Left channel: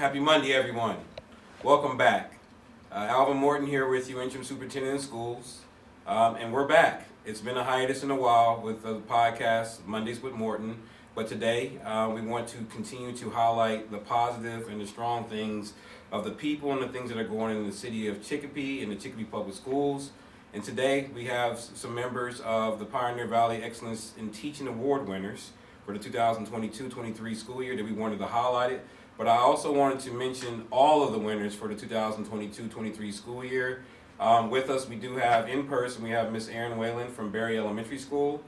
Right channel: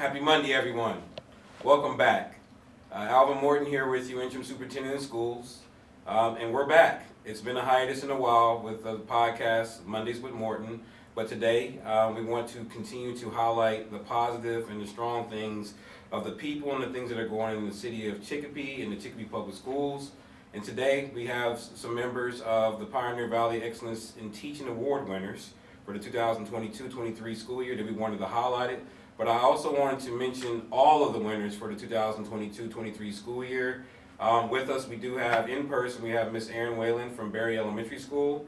Happy Monday, everyone. Welcome back. Alvin Morton here with you, Interim Superintendent of Schools, and we're back. It's been a hiatus in a while with the podcast, Mondays with Morton, but today we want to continue to highlight the positive and the strong things of the people and the things that are going on in the city of Chicopee and the Chicopee Public Schools. And today we have some members of the Pioneer Valley Excellence in Teaching Award winners for the 2022-23 school year that we wanted to highlight it. But I also wanted to mention all of the winners for the 2022-23 school year. With us, we do have in person, we have Miss Erin Whalen from Berry Elementary School.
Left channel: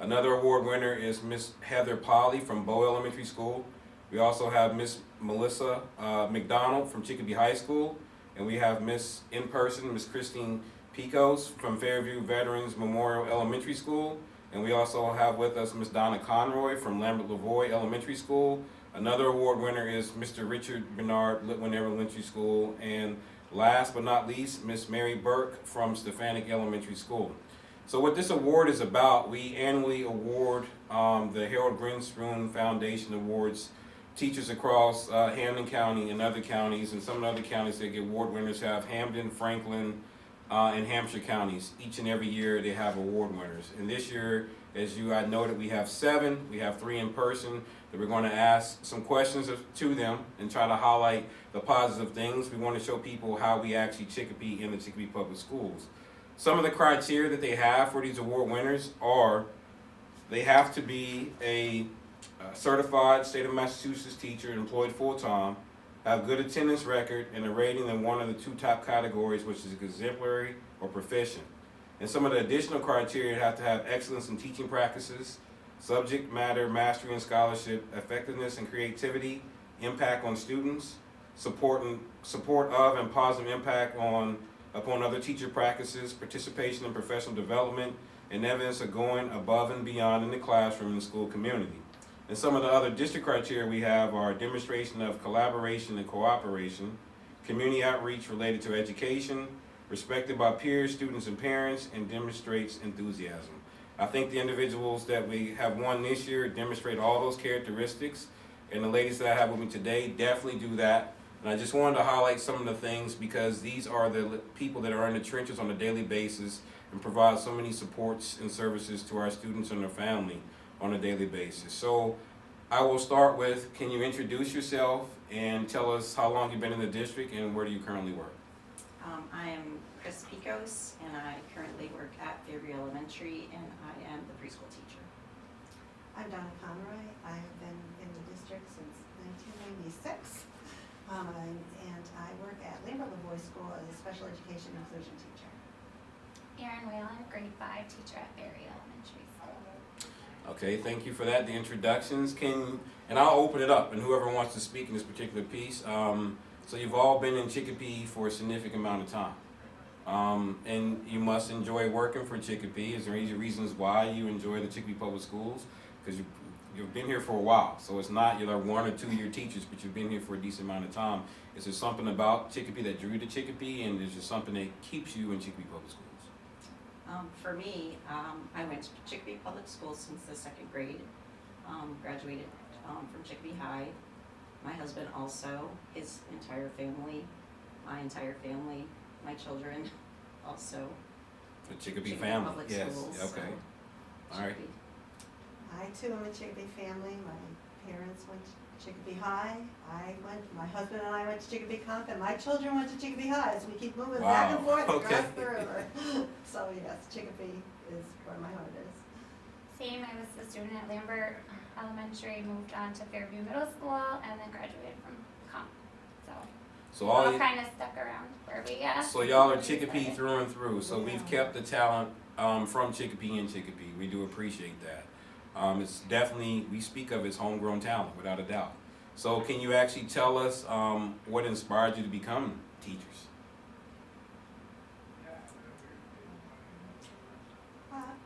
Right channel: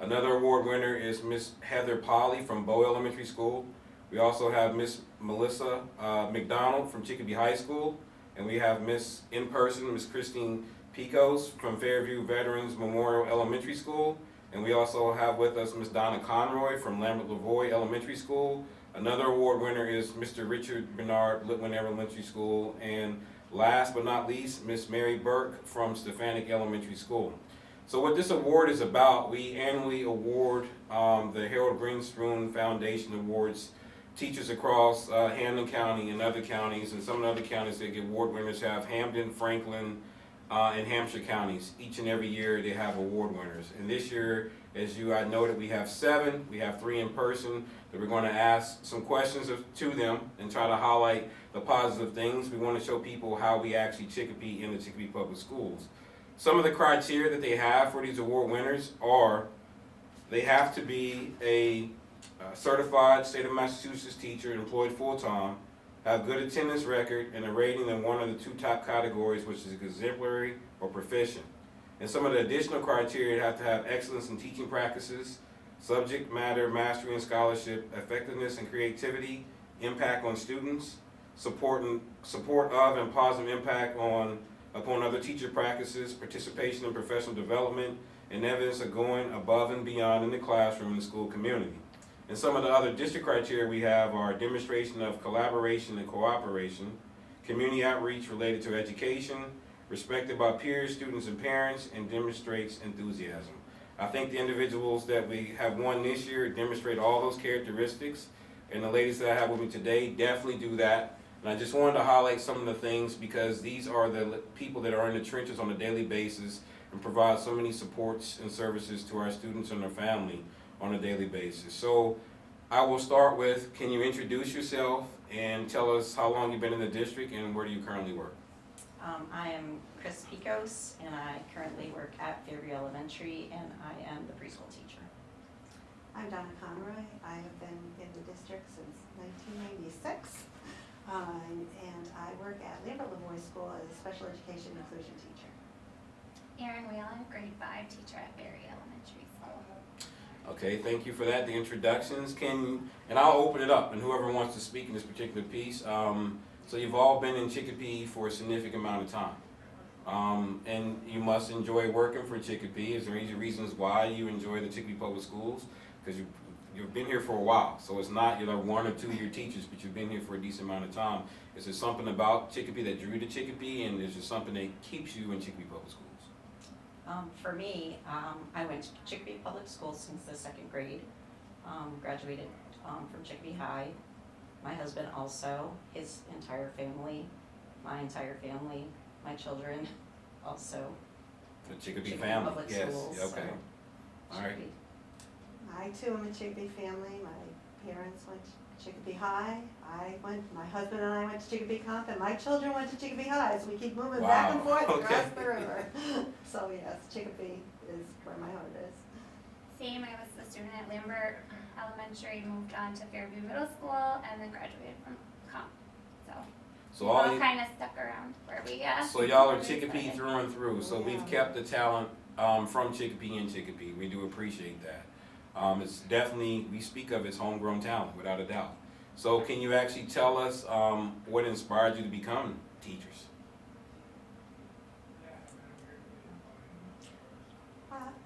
Another award winner is Miss Heather Polly from Bow Elementary School. We also have Miss Melissa McDonald from Chicopee High School. And we have Miss in person, Miss Christine Piekos from Fairview Veterans Memorial Elementary School. And we also have with us Miss Donna Conroy from Lambert Lavoie Elementary School. Another award winner is Mr. Richard Bernard, Litwin Elementary School. And last but not least, Miss Mary Burke from Stefanik Elementary School. So what this award is about, we annually award the Harold Greenspoon Foundation Awards teachers across Hampden County and other counties, and some of the other counties that get award winners have Hampden, Franklin, and Hampshire counties. Each and every year they have award winners. And this year, as I noted, we have 7. We have 3 in person that we're going to ask some questions to them and try to highlight the positive things. We want to show people how we actually Chicopee in the Chicopee Public Schools. Some of the criteria that they have for these award winners are they have to be a certified state of Massachusetts teacher employed full-time, have good attendance record, and a rating in one of the 2 top categories, which is exemplary or proficient. And some of the additional criteria have to have excellence in teaching practices, subject matter mastery and scholarship, effectiveness and creativity, impact on students, support of and positive impact upon other teacher practices, participation in professional development, and evidence of going above and beyond in the classroom and the school community. And some of the other district criteria we have are demonstration of collaboration and cooperation, community outreach related to education, respected by peers, students, and parents, and demonstrates enthusiasm. I think the individuals that we have won this year demonstrate all those characteristics, and the ladies that I have with me today definitely do that. And I just wanted to highlight some of the things because these are the people that are in the trenches on a daily basis and provide so many supports and services to our students and their family on a daily basis. So I will start with, can you introduce yourself and tell us how long you've been in the district and where do you currently work? I am Chris Piekos, and I currently work at Fairview Elementary, and I am the preschool teacher. I'm Donna Conroy. I have been in the district since 1996, and I work at Lambert Lavoie School as a special education inclusion teacher. Erin Whalen, grade 5 teacher at Berry Elementary School. Okay, thank you for that, the introductions. And I'll open it up, and whoever wants to speak in this particular piece. So you've all been in Chicopee for a significant amount of time. And you must enjoy working for Chicopee. Is there any reasons why you enjoy the Chicopee Public Schools? Because you've been here for a while, so it's not you're like 1 or 2 year teachers, but you've been here for a decent amount of time. Is there something about Chicopee that drew you to Chicopee, and is there something that keeps you in Chicopee Public Schools? For me, I went to Chicopee Public Schools since the 2nd grade, graduated from Chicopee High. My husband also, his entire family, my entire family, my children also. The Chicopee family, Public yes, Schools, okay. So All right. Chicopee. I too am a Chicopee family. My parents went to Chicopee High. My husband and I went to Chicopee Comp, and my children went to Chicopee High, so we keep moving back and Wow, forth okay. across the river. So yes, Chicopee is where my heart is. Same, I was a student at Lambert Elementary, moved on to Fairview Middle School, and then graduated from Comp. So So we all all you, kind of stuck around where we so y'all are Chicopee through and through. So we've Yeah. kept the talent from Chicopee in Chicopee. We do appreciate that. It's definitely, we speak of as homegrown talent, without a doubt. So can you actually tell us what inspired you to become teachers?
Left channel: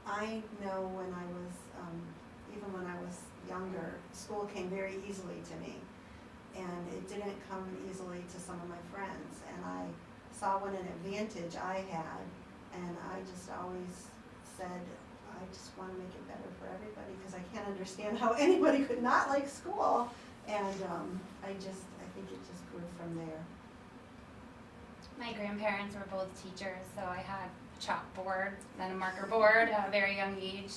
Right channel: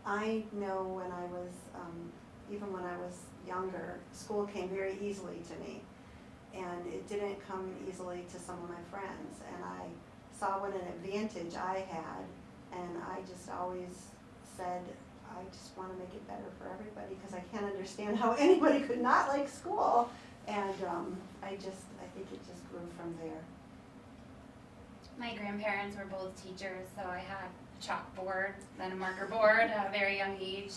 I know even when I was younger, school came very easily to me. And it didn't come easily to some of my friends. And I saw what an advantage I had. And I just always said, I just want to make it better for everybody because I can't understand how anybody could not like school. And I think think it just grew from there. My grandparents were both teachers, so I had a chalkboard, then a marker board at a very young age.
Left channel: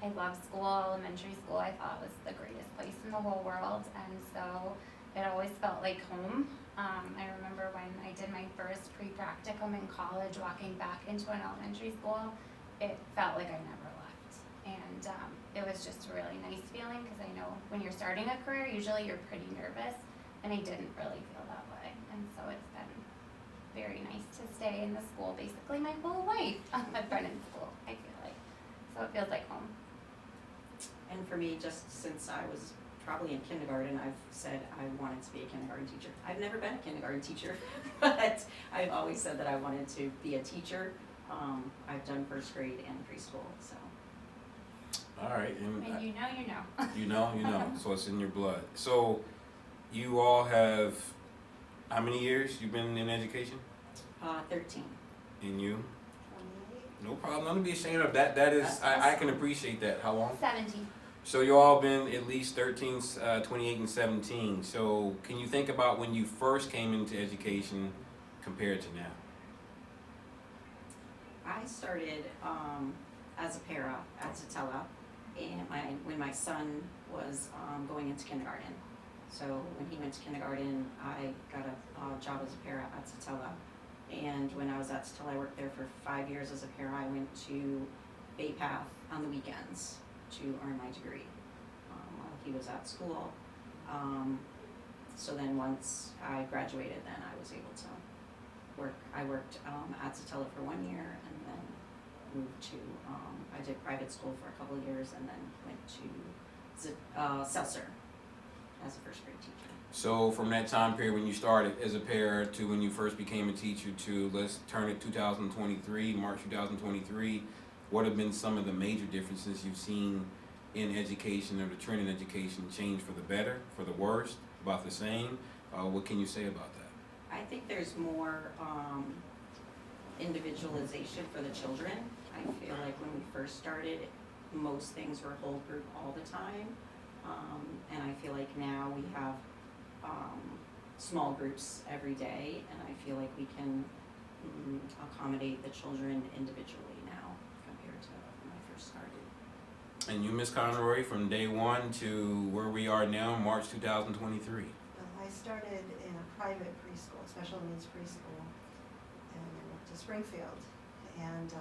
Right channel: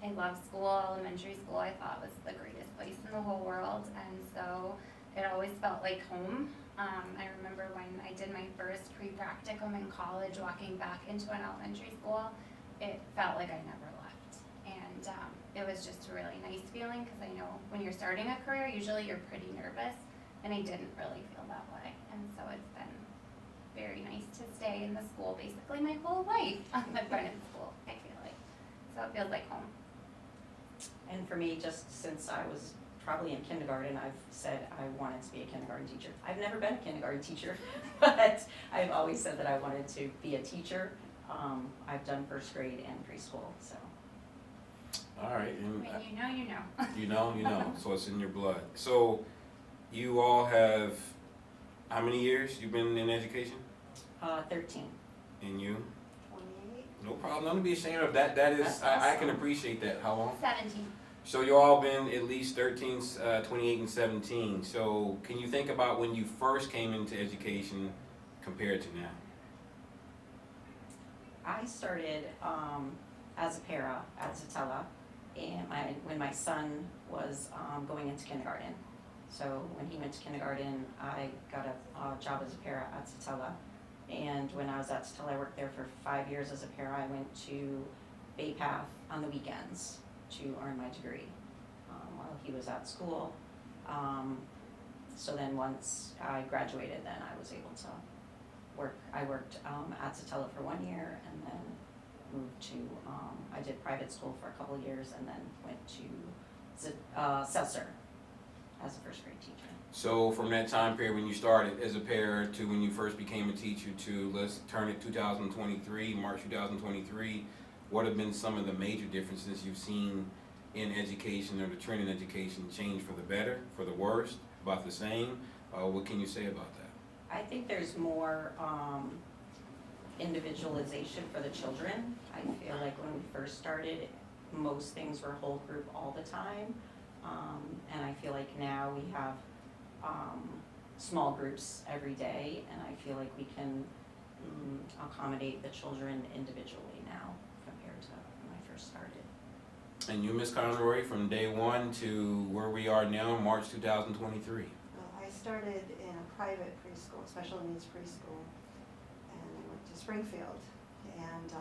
I loved school. Elementary school I thought was the greatest place in the whole world, and so it always felt like home. I remember when I did my first pre-practicum in college, walking back into an elementary school, it felt like I never left. And it was just a really nice feeling, because I know when you're starting a career, usually you're pretty nervous, and I didn't really feel that way. And so it's been very nice to stay in the school basically my whole life. I've been in school, I feel like. So it feels like home. And for me, just since I was probably in kindergarten, I've said I wanted to be a kindergarten teacher. I've never been a kindergarten teacher, but I've always said that I wanted to be a teacher. I've done first grade and preschool, so. All right. And When you know, you know. you know. So it's in your blood. So you all have, how many years you've been in education? 13. And you? 28. No problem. Don't be ashamed of that. That is, That's I can awesome. appreciate that. How long? 17. So you all been at least 13, 28, and 17. So can you think about when you first came into education compared to now? I started as a para at Satella, and when my son was going into kindergarten. So when he went to kindergarten, I got a job as a para at Satella. And when I was at Satella, I worked there for 5 years as a para. I went to Bay Path on the weekends to earn my degree while he was at school. So then once I graduated, then I was able to work. I worked at Satella for 1 year, and then moved to, I did private school for a couple of years, and then went to Seltzer as a first grade teacher. So from that time period when you started as a para to when you first became a teacher to, let's turn it 2023, March 2023, what have been some of the major differences you've seen in education, or the trend in education change for the better, for the worst, about the same? What can you say about that? I think there's more individualization for the children. I feel like when we first started, most things were whole group all the time. And I feel like now we have small groups every day, and I feel like we can accommodate the children individually now compared to when I first started. And you, Ms. Conroy, from day one to where we are now, March 2023. Well, I started in a private preschool, special needs preschool, and I went to Springfield. And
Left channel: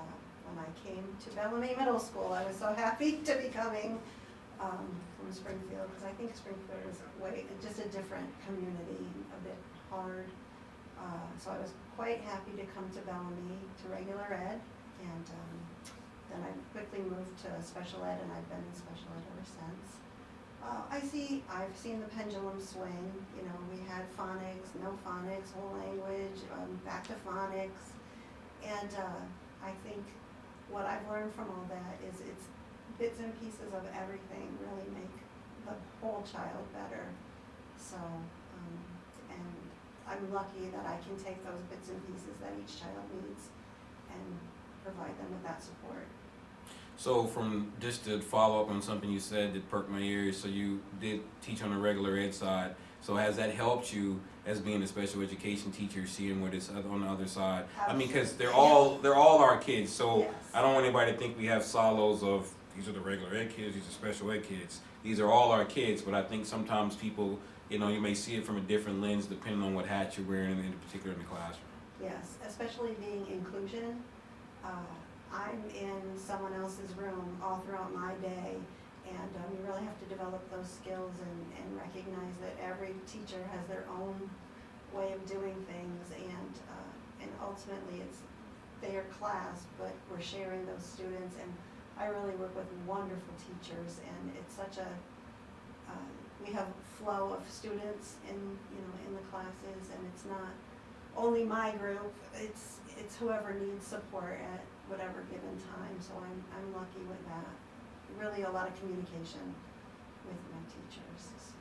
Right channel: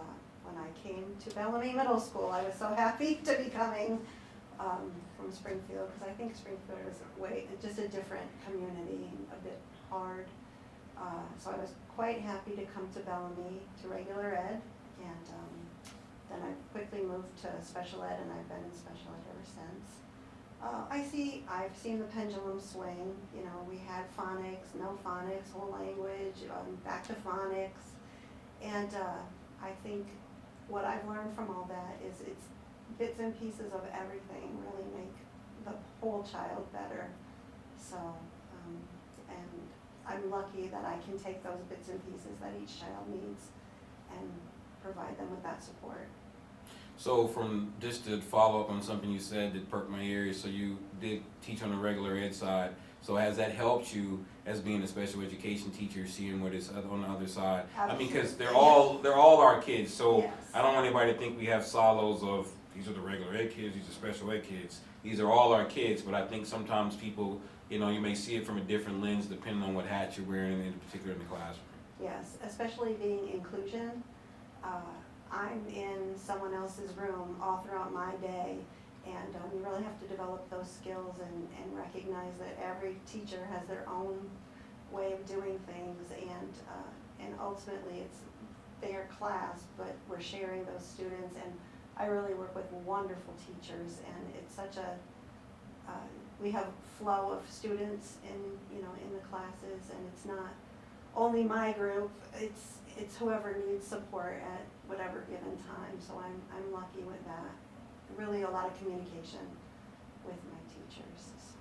when I came to Bellamy Middle School, I was so happy to be coming from Springfield, because I think Springfield was just a different community, a bit hard. So I was quite happy to come to Bellamy to regular ed, and then I quickly moved to special ed, and I've been in special ed ever since. I've seen the pendulum swing. You know, we had phonics, no phonics, whole language, back to phonics, and I think what I've learned from all that is it's bits and pieces of everything really make the whole child better. So, and I'm lucky that I can take those bits and pieces that each child needs and provide them with that support. So from, just to follow up on something you said that perked my ears, so you did teach on the regular ed side. So has that helped you as being a special education teacher, seeing what is on the other side? I mean, because they're all our kids, so Yes. I don't want anybody to think we have silos of, these are the regular ed kids, these are special ed kids. These are all our kids, but I think sometimes people, you know, you may see it from a different lens depending on what hat you're wearing, in particular in the classroom. Yes, especially being inclusion. I'm in someone else's room all throughout my day, and you really have to develop those skills and recognize that every teacher has their own way of doing things, and ultimately it's their class, but we're sharing those students, and I really work with wonderful teachers, and it's such a, we have flow of students in the classes, and it's not only my group, it's whoever needs support at whatever given time, so I'm lucky with that. Really a lot of communication with my teachers. So.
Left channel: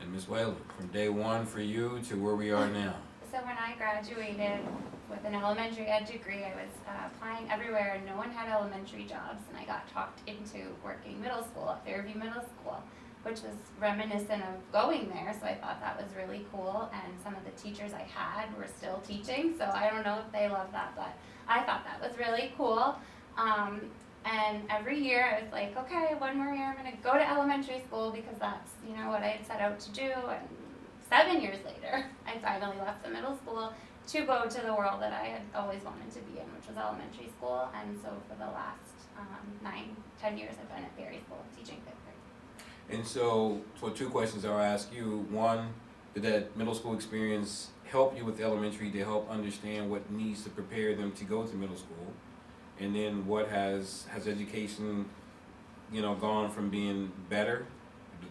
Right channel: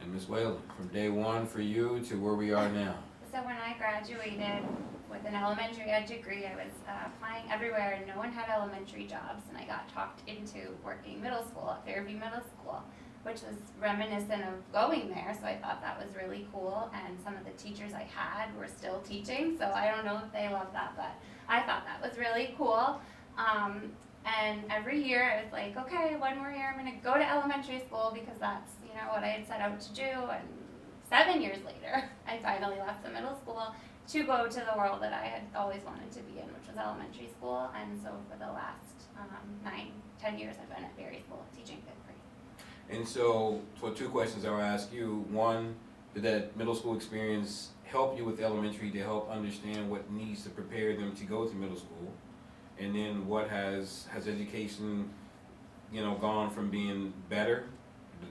And Ms. Whalen, from day one for you to where we are now. So when I graduated with an elementary ed degree, I was applying everywhere, and no one had elementary jobs, and I got talked into working middle school at Fairview Middle School, which was reminiscent of going there, so I thought that was really cool, and some of the teachers I had were still teaching, so I don't know if they love that, but I thought that was really cool. And every year I was like, okay, one more year I'm gonna go to elementary school because that's, you know, what I had set out to do, and 7 years later, I finally left the middle school to go to the world that I had always wanted to be in, which was elementary school, and so for the last 9-10 years I've been at Berry School teaching 5th grade. And so 2 questions I'll ask you. One, did that middle school experience help you with elementary to help understand what needs to prepare them to go to middle school? And then what has education, you know, gone from being better,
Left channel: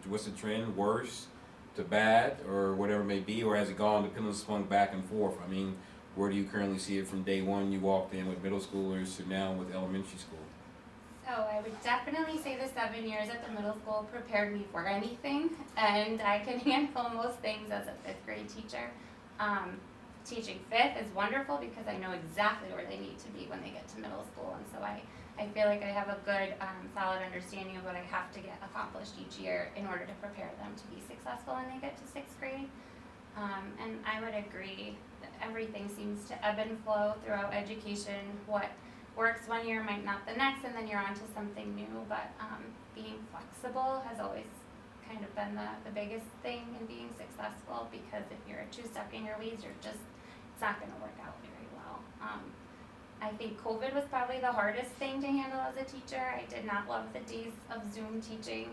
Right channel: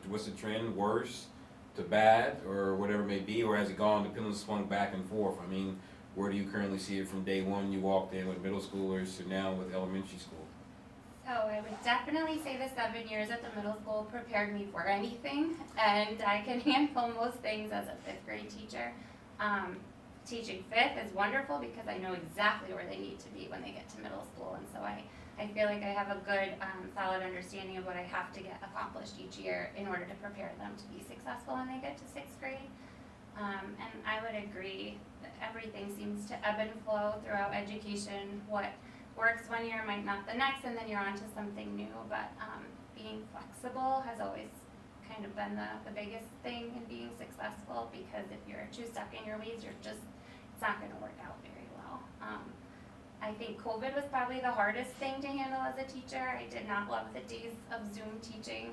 what's the trend, worse, to bad, or whatever it may be, or has it gone, the pendulum swung back and forth? I mean, where do you currently see it from day one you walked in with middle schoolers to now with elementary school? So I would definitely say the 7 years at the middle school prepared me for anything, and I can handle most things as a 5th grade teacher. Teaching 5th is wonderful because I know exactly where they need to be when they get to middle school, and so I feel like I have a good, solid understanding of what I have to get accomplished each year in order to prepare them to be successful when they get to 6th grade. And I would agree that everything seems to ebb and flow throughout education. What works one year might not the next, and then you're on to something new, but being flexible has always kind of been the biggest thing in being successful, because if you're too stuck in your ways, it's not going to work out very well. I think COVID was probably the hardest thing to handle as a teacher. I did not love the days of Zoom teaching.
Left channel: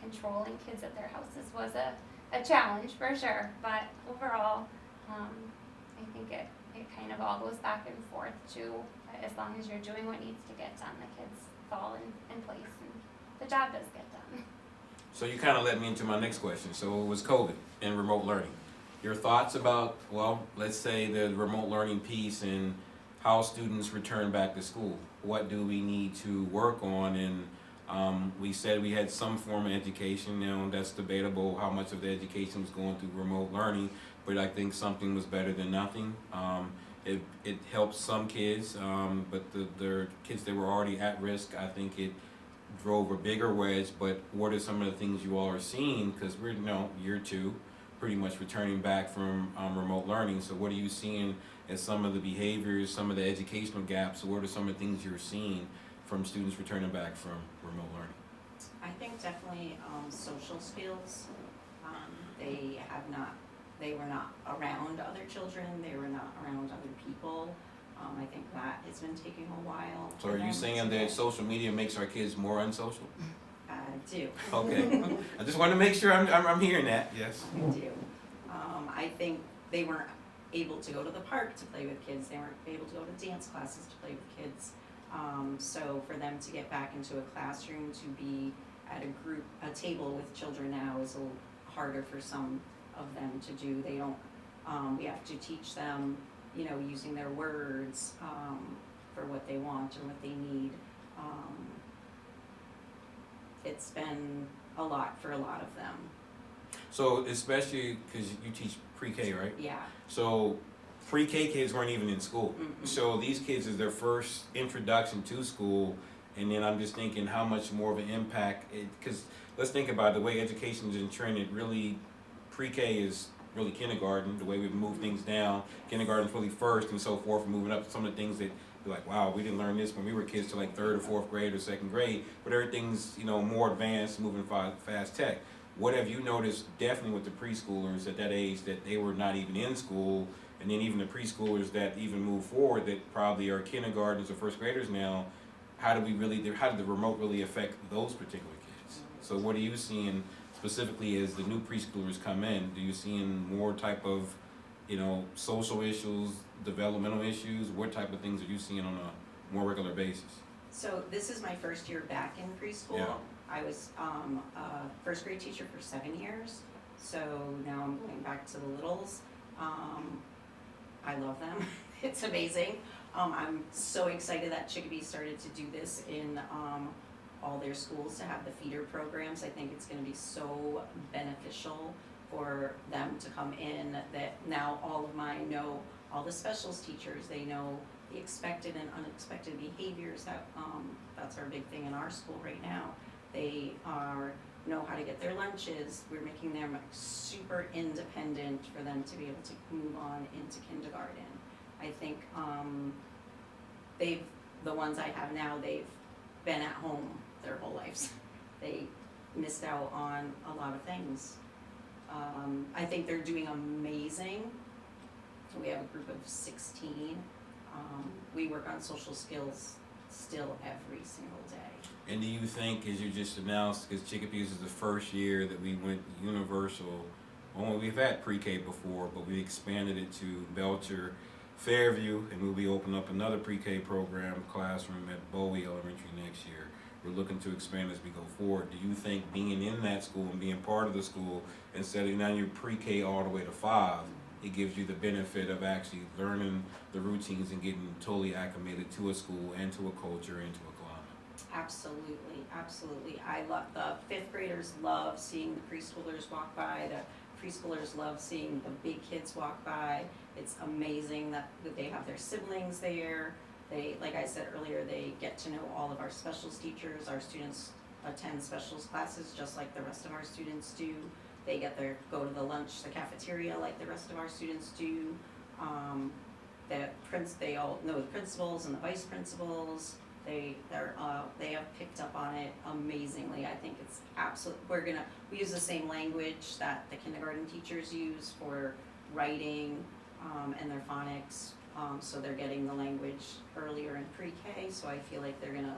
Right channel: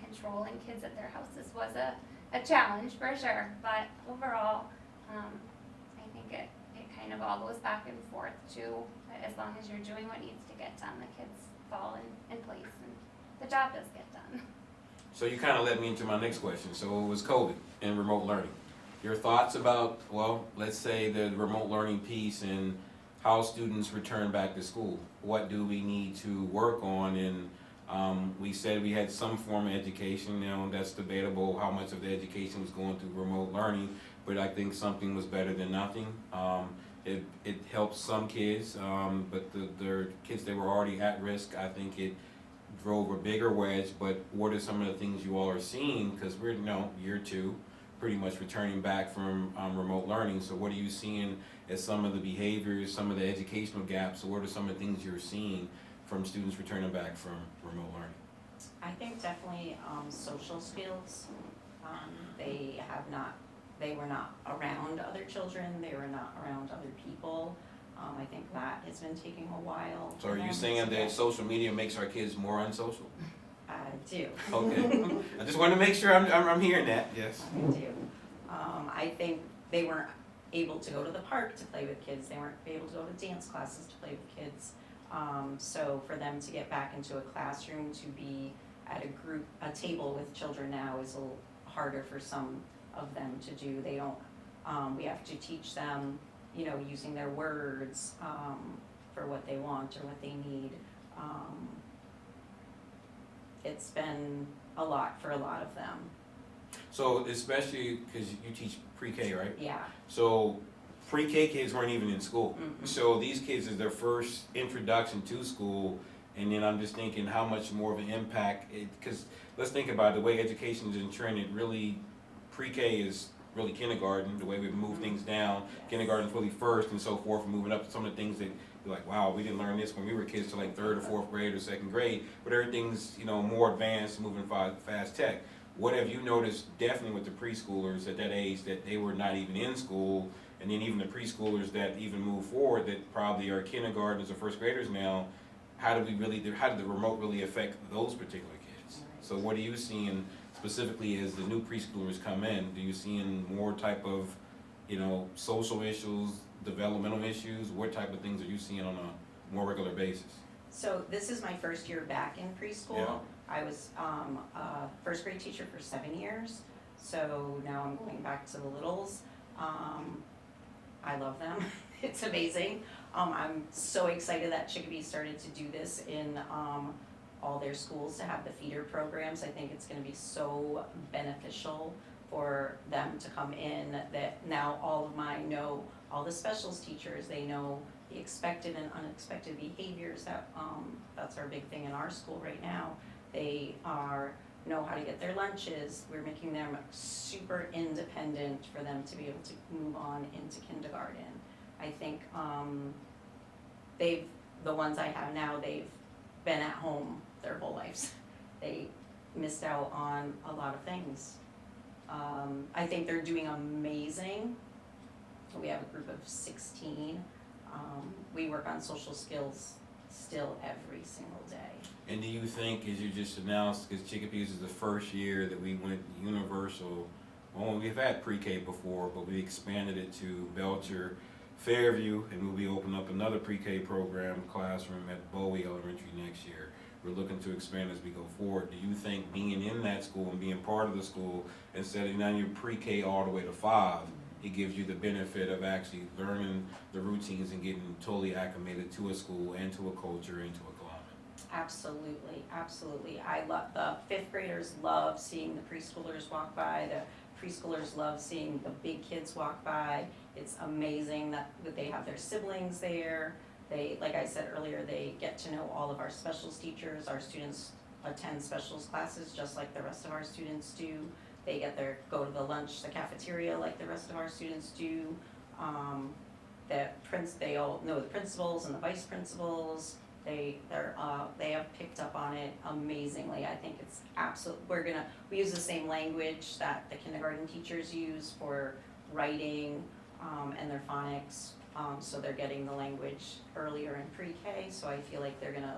Controlling kids at their houses was a challenge for sure, but overall, I think it kind of all goes back and forth to, as long as you're doing what needs to get done, the kids fall in place and the job does get done. So you kind of led me into my next question. So it was COVID and remote learning. Your thoughts about, well, let's say the remote learning piece and how students return back to school. What do we need to work on? And we said we had some form of education. You know, that's debatable how much of the education was going through remote learning, but I think something was better than nothing. It helped some kids, but the kids that were already at risk, I think it drove a bigger wedge. But what are some of the things you all are seeing? Because we're, you know, year 2, pretty much returning back from remote learning. So what are you seeing as some of the behaviors, some of the educational gaps? So what are some of the things you're seeing from students returning back from remote learning? I think definitely social skills. They were not around other children, they were not around other people. I think that has been taking a while. So are you saying that social media makes our kids more unsocial? I do. Okay. I just want to make sure I'm hearing that. Yes. I do. I think they weren't able to go to the park to play with kids. They weren't able to go to dance classes to play with kids. So for them to get back into a classroom, to be at a table with children now is a little harder for some of them to do. They don't, we have to teach them, you know, using their words for what they want or what they need. It's been a lot for a lot of them. So especially because you teach pre-K, right? Yeah. So pre-K kids weren't even in school. Mm-mm. So these kids is their first introduction to school, and then I'm just thinking how much more of an impact, because let's think about it, the way education is trended, really pre-K is really kindergarten, the way we've moved things down. Kindergarten's really first and so forth, moving up to some of the things that you're like, wow, we didn't learn this when we were kids to like 3rd or 4th grade or 2nd grade, but everything's, you know, more advanced, moving fast tech. What have you noticed definitely with the preschoolers at that age that they were not even in school, and then even the preschoolers that even move forward that probably are kindergartners or 1st graders now, how did the remote really affect those particular kids? So what are you seeing specifically as the new preschoolers come in? Do you seeing more type of, you know, social issues, developmental issues? What type of things are you seeing on a more regular basis? So this is my first year back in preschool. Yeah. I was a 1st grade teacher for 7 years, so now I'm going back to the littles. I love them. It's amazing. I'm so excited that Chicopee started to do this in all their schools, to have the feeder programs. I think it's going to be so beneficial for them to come in, that now all of mine know all the specials teachers. They know the expected and unexpected behaviors. That's our big thing in our school right now. They are know how to get their lunches. We're making them super independent for them to be able to move on into kindergarten. I think the ones I have now, they've been at home their whole lives. They missed out on a lot of things. I think they're doing amazing. We have a group of 16. We work on social skills still every single day. And do you think, as you just announced, because Chicopee is the first year that we went universal, well, we've had pre-K before, but we expanded it to Belcher, Fairview, and we'll be opening up another pre-K program classroom at Bowie Elementary next year. We're looking to expand as we go forward. Do you think being in that school and being part of the school, instead of now your pre-K all the way to 5, it gives you the benefit of actually learning the routines and getting totally acclimated to a school and to a culture and to a climate? Absolutely, absolutely. I love, the 5th graders love seeing the preschoolers walk by. The preschoolers love seeing the big kids walk by. It's amazing that they have their siblings there. They, like I said earlier, they get to know all of our specials teachers. Our students attend specials classes just like the rest of our students do. They get their, go to the lunch, the cafeteria like the rest of our students do. They all know the principals and the vice principals. They have picked up on it amazingly. I think it's we use the same language that the kindergarten teachers use for writing and their phonics. So they're getting the language earlier in pre-K, so I feel like they're gonna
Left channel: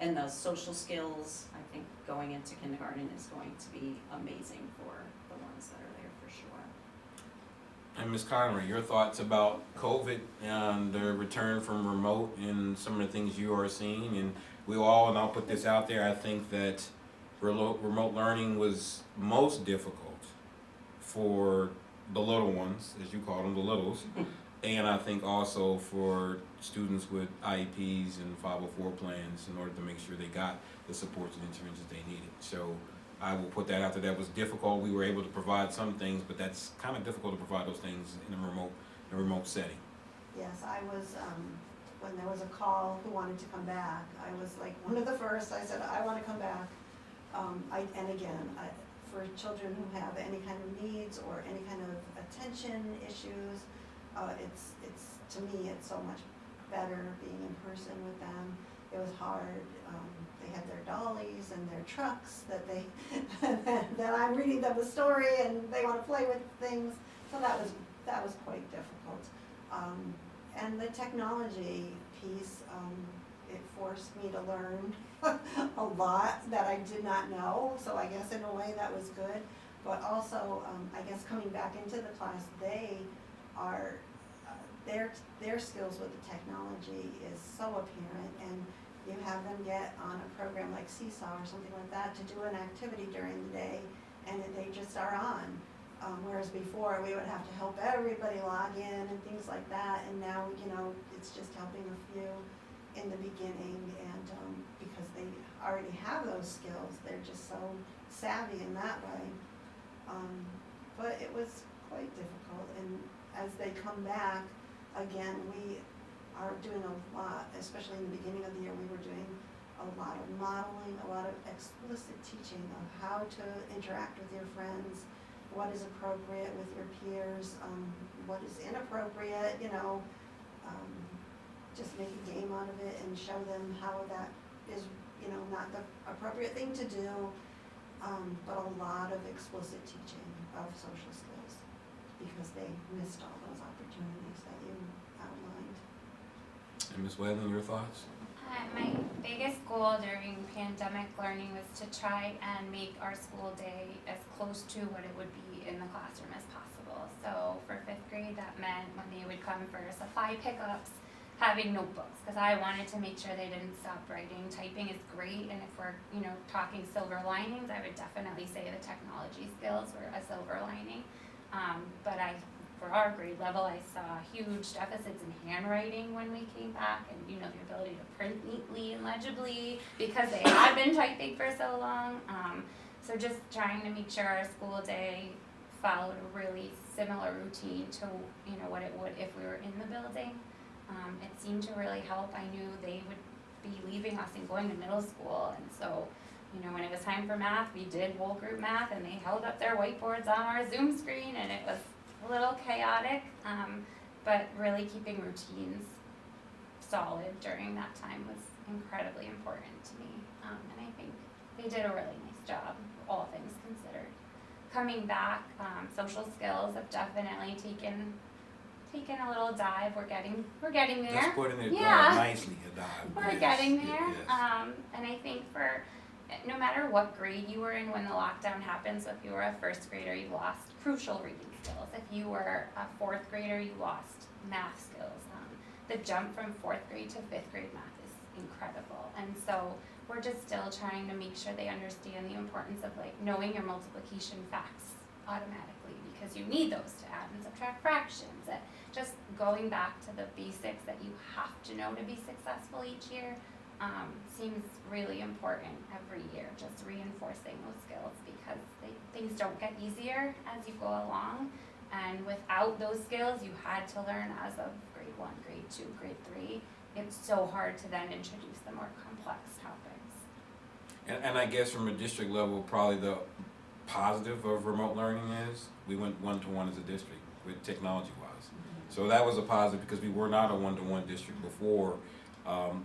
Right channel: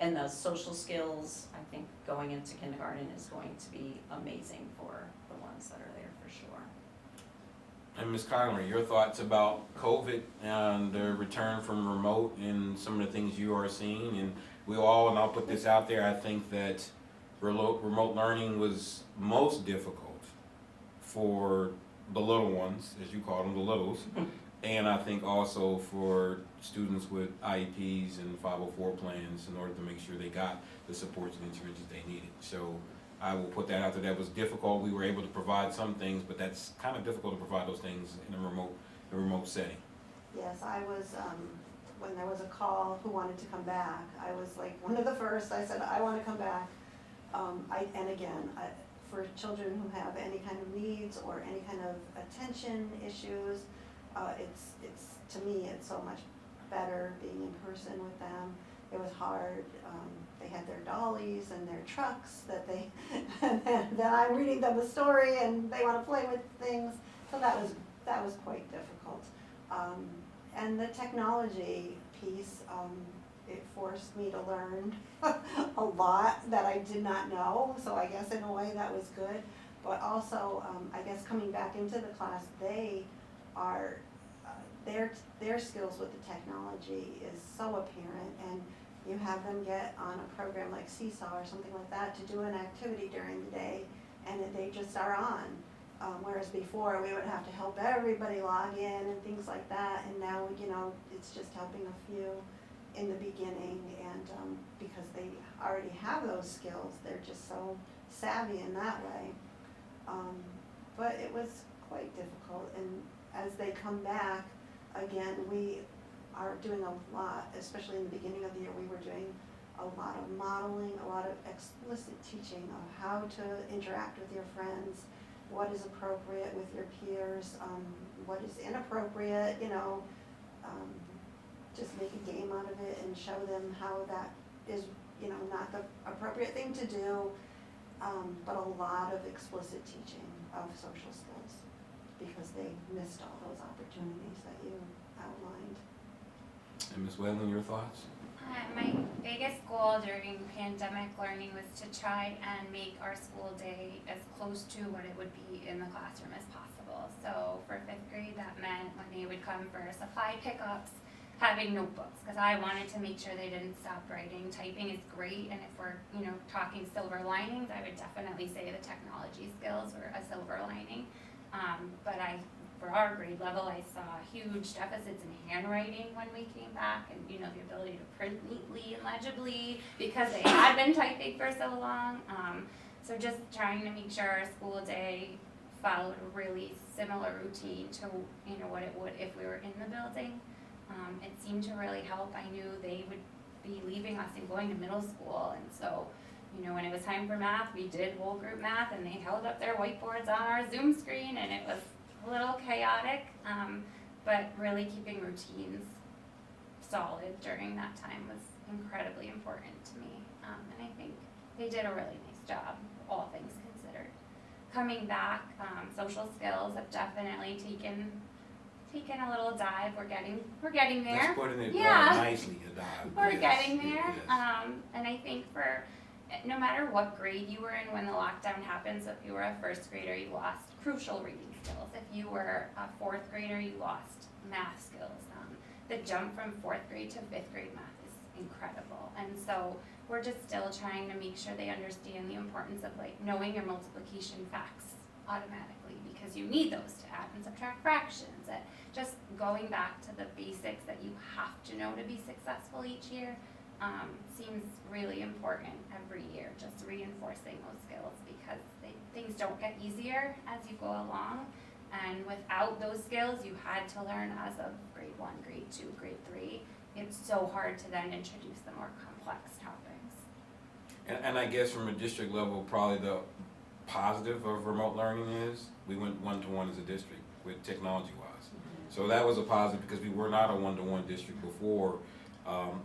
and the social skills, I think going into kindergarten is going to be amazing for the ones that are there for sure. And Ms. Conroy, your thoughts about COVID and the return from remote and some of the things you are seeing? And we all, and I'll put this out there, I think that remote learning was most difficult for the little ones, as you call them, the littles. And I think also for students with IEPs and 504 plans in order to make sure they got the supports and interventions they needed. So I will put that out there. That was difficult. We were able to provide some things, but that's kind of difficult to provide those things in a remote setting. Yes, I was, when there was a call who wanted to come back, I was like one of the first. I said, I want to come back. For children who have any kind of needs or any kind of attention issues, it's to me, it's so much better being in person with them. It was hard. They had their dollies and their trucks that that I'm reading them a story and they want to play with things. So that was quite difficult. And the technology piece, it forced me to learn a lot that I did not know. So I guess in a way that was good. But also, I guess coming back into the class, they are their skills with the technology is so apparent, and you have them get on a program like Seesaw or something like that to do an activity during the day, and they just are on. Whereas before we would have to help everybody log in and things like that, and now it's just helping a few in the beginning, and because they already have those skills, they're just so savvy in that way. But it was quite difficult, and as they come back, again, we are doing a lot, especially in the beginning of the year, we were doing a lot of modeling, a lot of explicit teaching of how to interact with your friends, what is appropriate with your peers, what is inappropriate, just make a game out of it and show them how that is, not the appropriate thing to do, but a lot of explicit teaching of social skills because they missed all those opportunities that you outlined. And Ms. Whalen, your thoughts? My biggest goal during pandemic learning was to try and make our school day as close to what it would be in the classroom as possible. So for 5th grade, that meant when they would come for supply pickups, having notebooks, because I wanted to make sure they didn't stop writing. Typing is great, and if we're talking silver linings, I would definitely say the technology skills were a silver lining. But for our grade level, I saw huge deficits in handwriting when we came back, and the ability to print neatly and legibly because they had been typing for so long. So just trying to make sure our school day followed a really similar routine to what it would if we were in the building. It seemed to really help. I knew they would be leaving us and going to middle school, and so You know, when it was time for math, we did whole group math, and they held up their whiteboards on our Zoom screen, and it was a little chaotic, but really keeping routines solid during that time was incredibly important to me, and I think they did a really nice job, all things considered. Coming back, social skills have definitely taken a little dive. We're getting there. Let's put it Yeah. nicely, a dive. We're Yes, getting there. yes. And I think for no matter what grade you were in when the lockdown happened, so if you were a first grader, you lost crucial reading skills. If you were a fourth grader, you lost math skills. The jump from fourth grade to fifth grade math is incredible. And so we're just still trying to make sure they understand the importance of like knowing your multiplication facts automatically, because you need those to add and subtract fractions. And just going back to the basics that you have to know to be successful each year seems really important every year, just reinforcing those skills, because things don't get easier as you go along. And without those skills you had to learn as of grade 1, grade 2, grade 3, it's so hard to then introduce the more complex topics. And I guess from a district level, probably the positive of remote learning is we went one-to-one as a district with technology-wise. So that was a positive, because we were not a one-to-one district before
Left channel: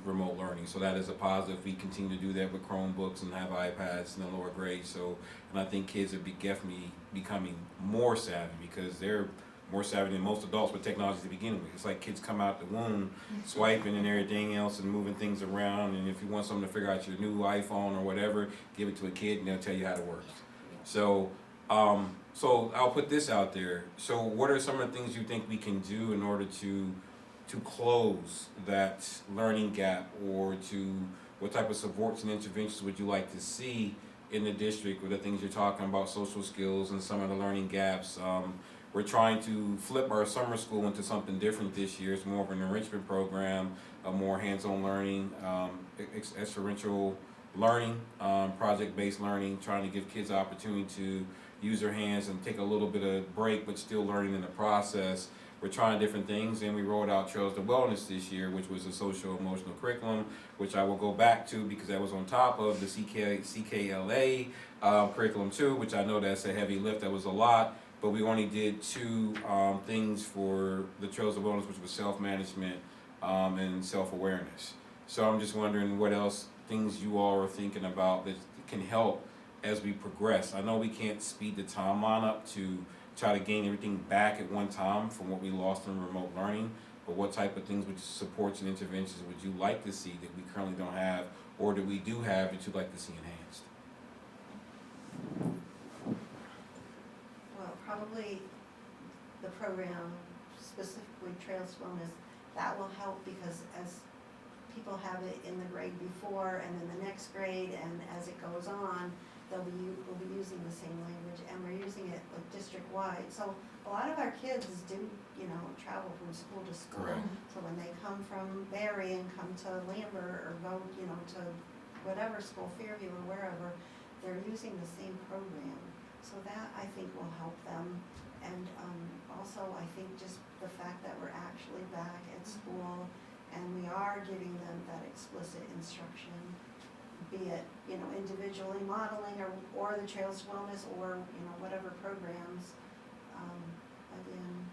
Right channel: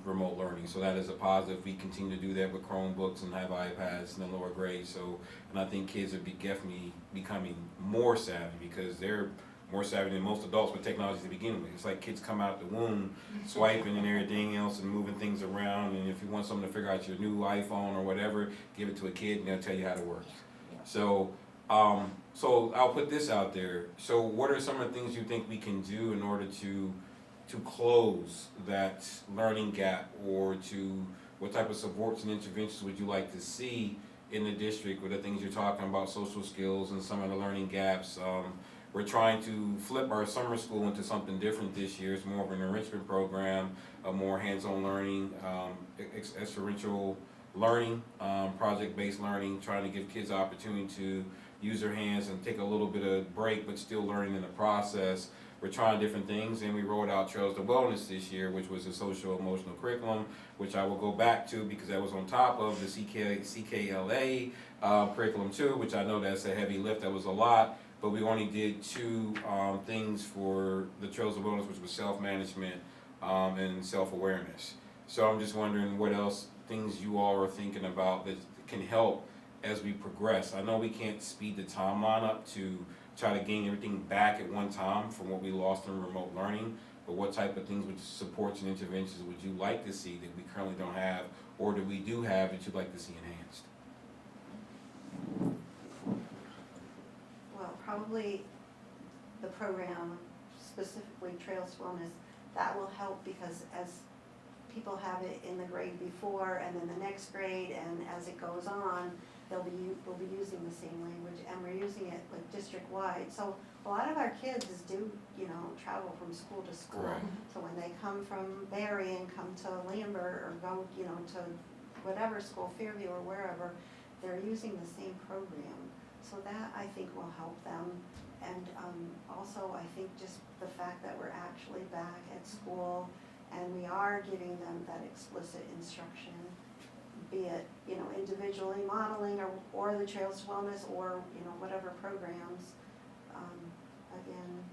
remote learning. So that is a positive. We continue to do that with Chromebooks and have iPads in the lower grades. So, and I think kids are definitely becoming more savvy, because they're more savvy than most adults with technology to begin with. It's like kids come out the womb swiping and everything else and moving things around. And if you want something to figure out your new iPhone or whatever, give it to a kid and they'll tell you how it works. So, so I'll put this out there. So what are some of the things you think we can do in order to close that learning gap, or to what type of supports and interventions would you like to see in the district with the things you're talking about, social skills and some of the learning gaps? We're trying to flip our summer school into something different this year. It's more of an enrichment program, a more hands-on learning, experiential learning, project-based learning, trying to give kids the opportunity to use their hands and take a little bit of break, but still learning in the process. We're trying different things, and we rolled out Trails to Wellness this year, which was a social emotional curriculum, which I will go back to because that was on top of the CKLA curriculum too, which I know that's a heavy lift. That was a lot, but we only did 2 things for the Trails to Wellness, which was self-management and self-awareness. So I'm just wondering what else things you all are thinking about that can help as we progress. I know we can't speed the timeline up to try to gain everything back at one time from what we lost in remote learning, but what type of things, would supports and interventions would you like to see that we currently don't have, or that we do have that you'd like to see enhanced? Well, probably the program, specifically Trails to Wellness, that will help, because as people have it in the grade before and then the next grade, and as it goes on, we'll be using the same language, and we're using it like district-wide. So a lot of our kids do, travel from school to school. Correct. So when they come from Barry and come to Lambert, or go, to whatever school, Fairview or wherever, they're using the same program. So that, I think, will help them. And also, I think just the fact that we're actually back at school and we are giving them that explicit instruction, be it, individually modeling or the Trails to Wellness, or, whatever programs. Again,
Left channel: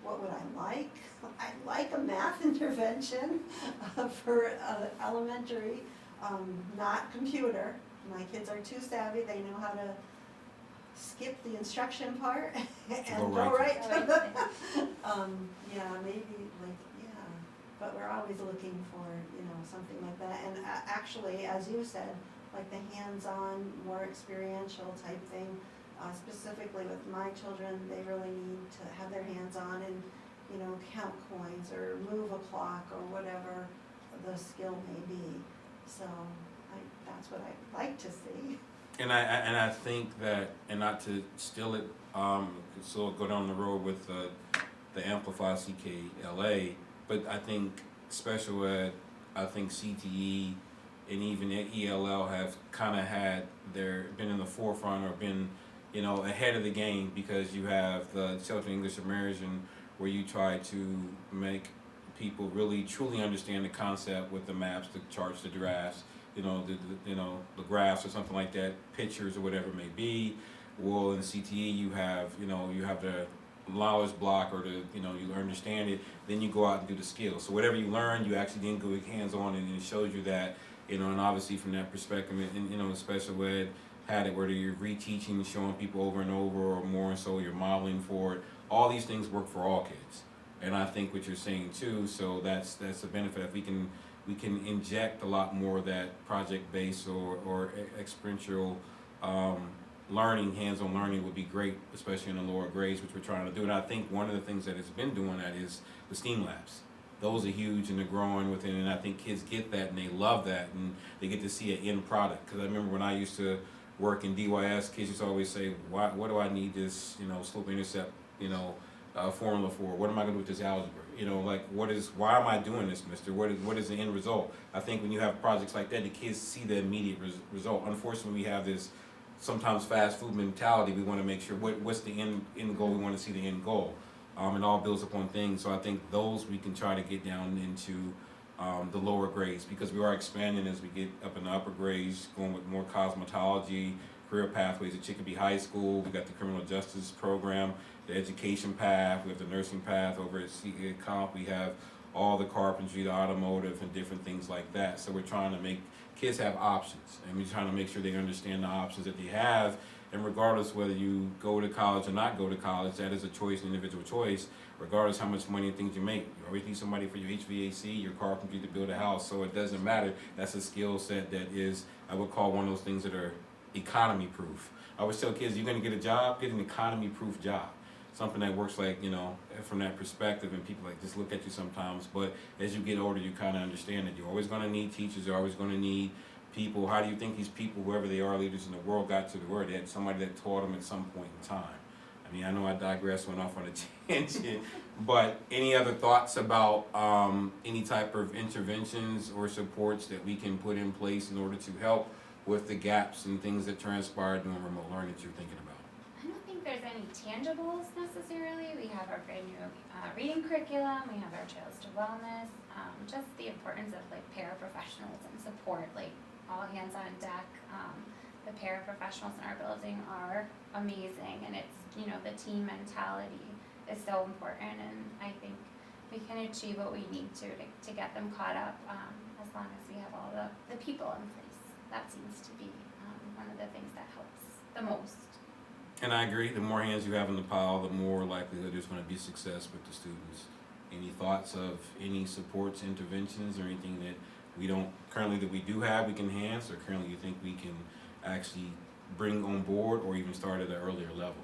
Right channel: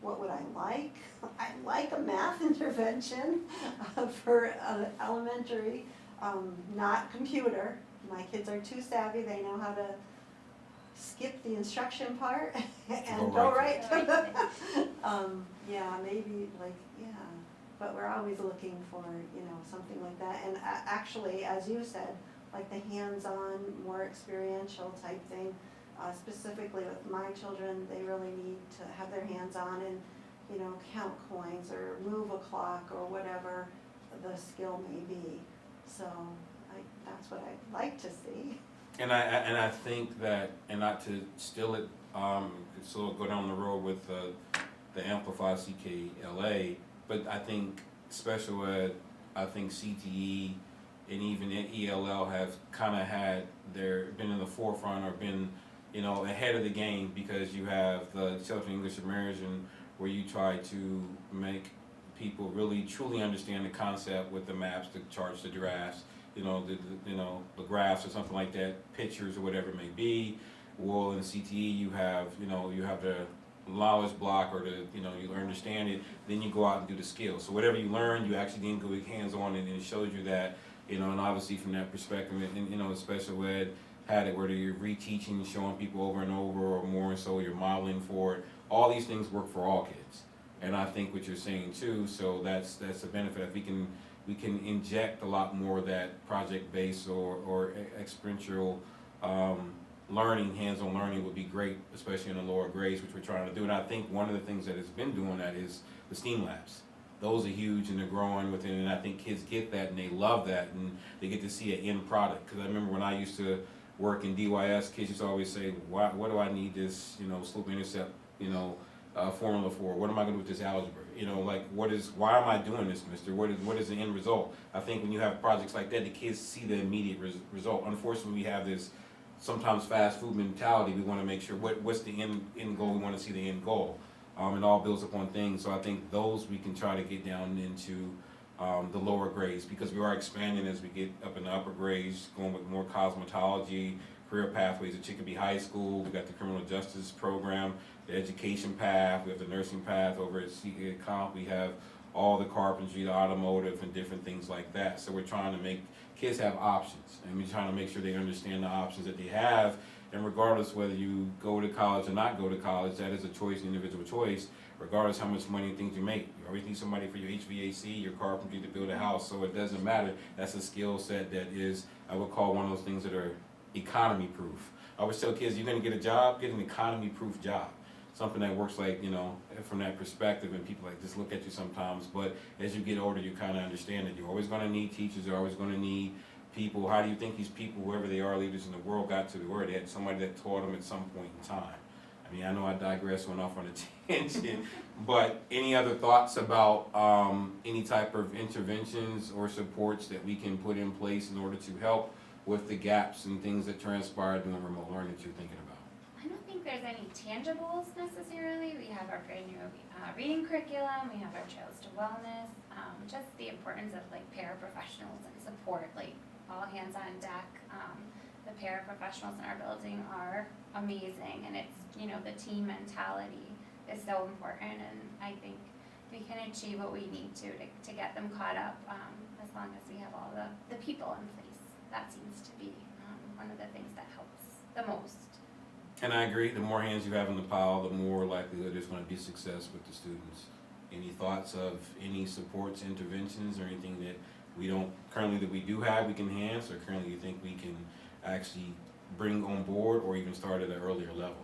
what would I like? I'd like a math intervention for elementary, not computer. My kids are too savvy. They know how to skip the instruction part and go right to the, maybe but we're always looking for, something like that. And actually, as you said, like the hands-on, more experiential type thing, specifically with my children, they really need to have their hands on and, count coins or move a clock or whatever the skill may be. So that's what I'd like to see. And I think that, and not to steal it, so go down the road with the Amplify CKLA, but I think special ed, I think CTE, and even ELL have kind of been in the forefront, or been, ahead of the game, because you have the Children's English Immersion, where you try to make people really truly understand the concept with the maps, the charts, the graphs, the graphs or something like that, pictures or whatever it may be. Well, in CTE you have the knowledge block or you understand it, then you go out and do the skills. So whatever you learn, you actually then go hands on, and it shows you that, and obviously from that perspective, and special ed had it where you're reteaching, showing people over and over, or more, and so you're modeling for it. All these things work for all kids, and I think what you're saying too. So that's a benefit. If we can inject a lot more of that project-based or experiential learning, hands-on learning would be great, especially in the lower grades, which we're trying to do. And I think one of the things that has been doing that is the STEAM labs. Those are huge, and they're growing within, and I think kids get that, and they love that, and they get to see an end product. Because I remember when I used to work in DYS, kids used to always say, what do I need this, slope-intercept, formula for? What am I going to do with this algebra? Why am I doing this, mister? What is the end result? I think when you have projects like that, the kids see the immediate result. Unfortunately, we have this sometimes fast food mentality. We want to make sure what's the end goal. We want to see the end goal. It all builds upon things. So I think those we can try to get down into the lower grades, because we are expanding as we get up in the upper grades, going with more cosmetology, career pathways at Chicopee High School. We got the criminal justice program, the education path. We have the nursing path over at Comp. We have all the carpentry, the automotive, and different things like that. So we're trying to make kids have options, and we're trying to make sure they understand the options that they have. And regardless whether you go to college or not go to college, that is a choice, an individual choice, regardless how much money and things you make. You always need somebody for your HVAC, your carpentry, to build a house. So it doesn't matter. That's a skill set that is, I would call, one of those things that are economy proof. I always tell kids, you're going to get a job, get an economy proof job. Something that works from that perspective, and people just look at you sometimes. But as you get older, you kind of understand that you're always going to need teachers, you're always going to need people. How do you think these people, whoever they are, leaders in the world, got to the word? They had somebody that taught them at some point in time. I mean, I know I digress, went off on a tangent, but any other thoughts about any type of interventions or supports that we can put in place in order to help with the gaps and things that transpire during remote learning that you're thinking about? I don't think there's any tangibles necessarily. We have our brand new reading curriculum. We have our Trails to Wellness. Just the importance of paraprofessionals and support, all hands on deck. The paraprofessionals in our building are amazing, and it's the team mentality is so important. And I think we can achieve what we need to get them caught up as long as we have all the people in place. That seems to be one of the things that helps the most. And I agree, the more hands you have in the pile, the more likelihood there's going to be success with the students. Any thoughts of any supports, interventions, or anything that we do have, we can enhance, or currently you think we can actually bring on board or even start at an earlier level?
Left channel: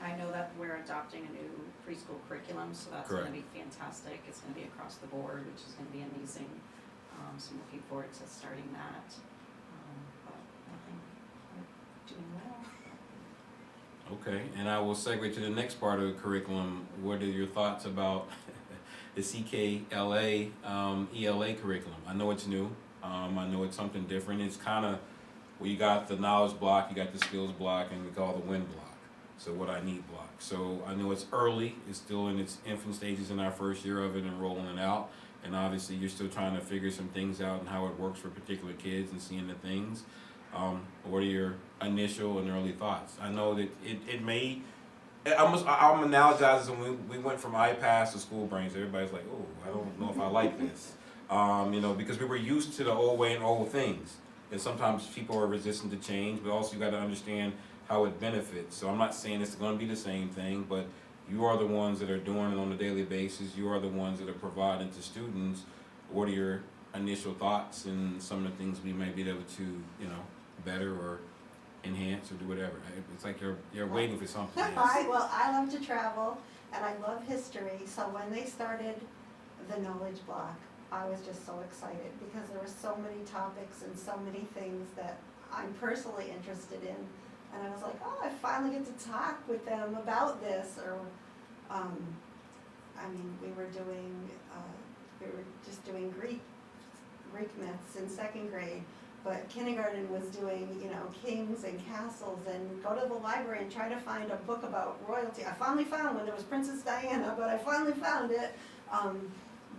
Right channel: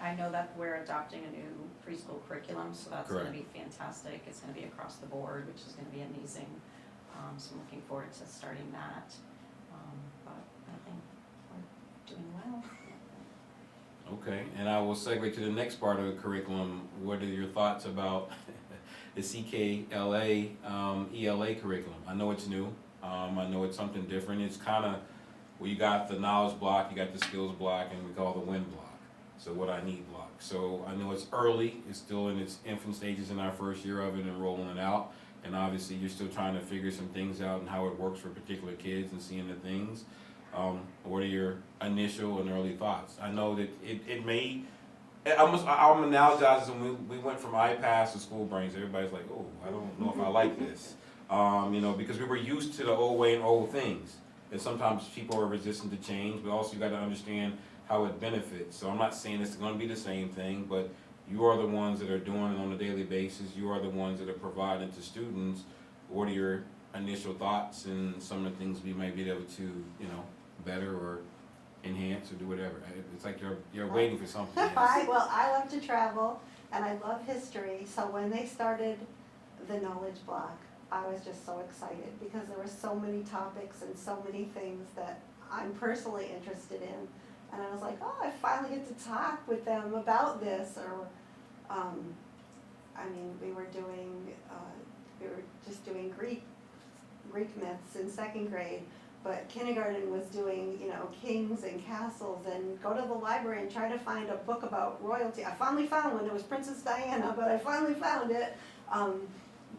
I know that we're adopting a new preschool curriculum, so that's going to Correct. be fantastic. It's going to be across the board, which is going to be amazing. So I'm looking forward to starting that. But I think we're doing well. Okay, and I will segue to the next part of the curriculum. What are your thoughts about the CKLA ELA curriculum? I know it's new. I know it's something different. It's kind of, you got the knowledge block, you got the skills block, and we call the win block. So what I need block. So I know it's early. It's still in its infant stages in our first year of it and rolling it out. And obviously you're still trying to figure some things out and how it works for particular kids and seeing the things. What are your initial and early thoughts? I know that it may, I'm analogizing when we went from iPads to school brains. Everybody's like, oh, I don't know if I like this. Because we were used to the old way and old things. And sometimes people are resistant to change, but also you got to understand how it benefits. So I'm not saying it's going to be the same thing, but you are the ones that are doing it on a daily basis. You are the ones that are providing to students. What are your initial thoughts and some of the things we might be able to, better or enhance or do whatever? It's like you're waiting for something. Yes. I love to travel, and I love history. So when they started the knowledge block, I was just so excited because there were so many topics and so many things that I'm personally interested in. And I was like, oh, I finally get to talk with them about this. Or, we were just doing Greek myths in second grade, but kindergarten was doing, kings and castles, and go to the library and try to find a book about royalty. I finally found one. It was Princess Diana, but I finally found it.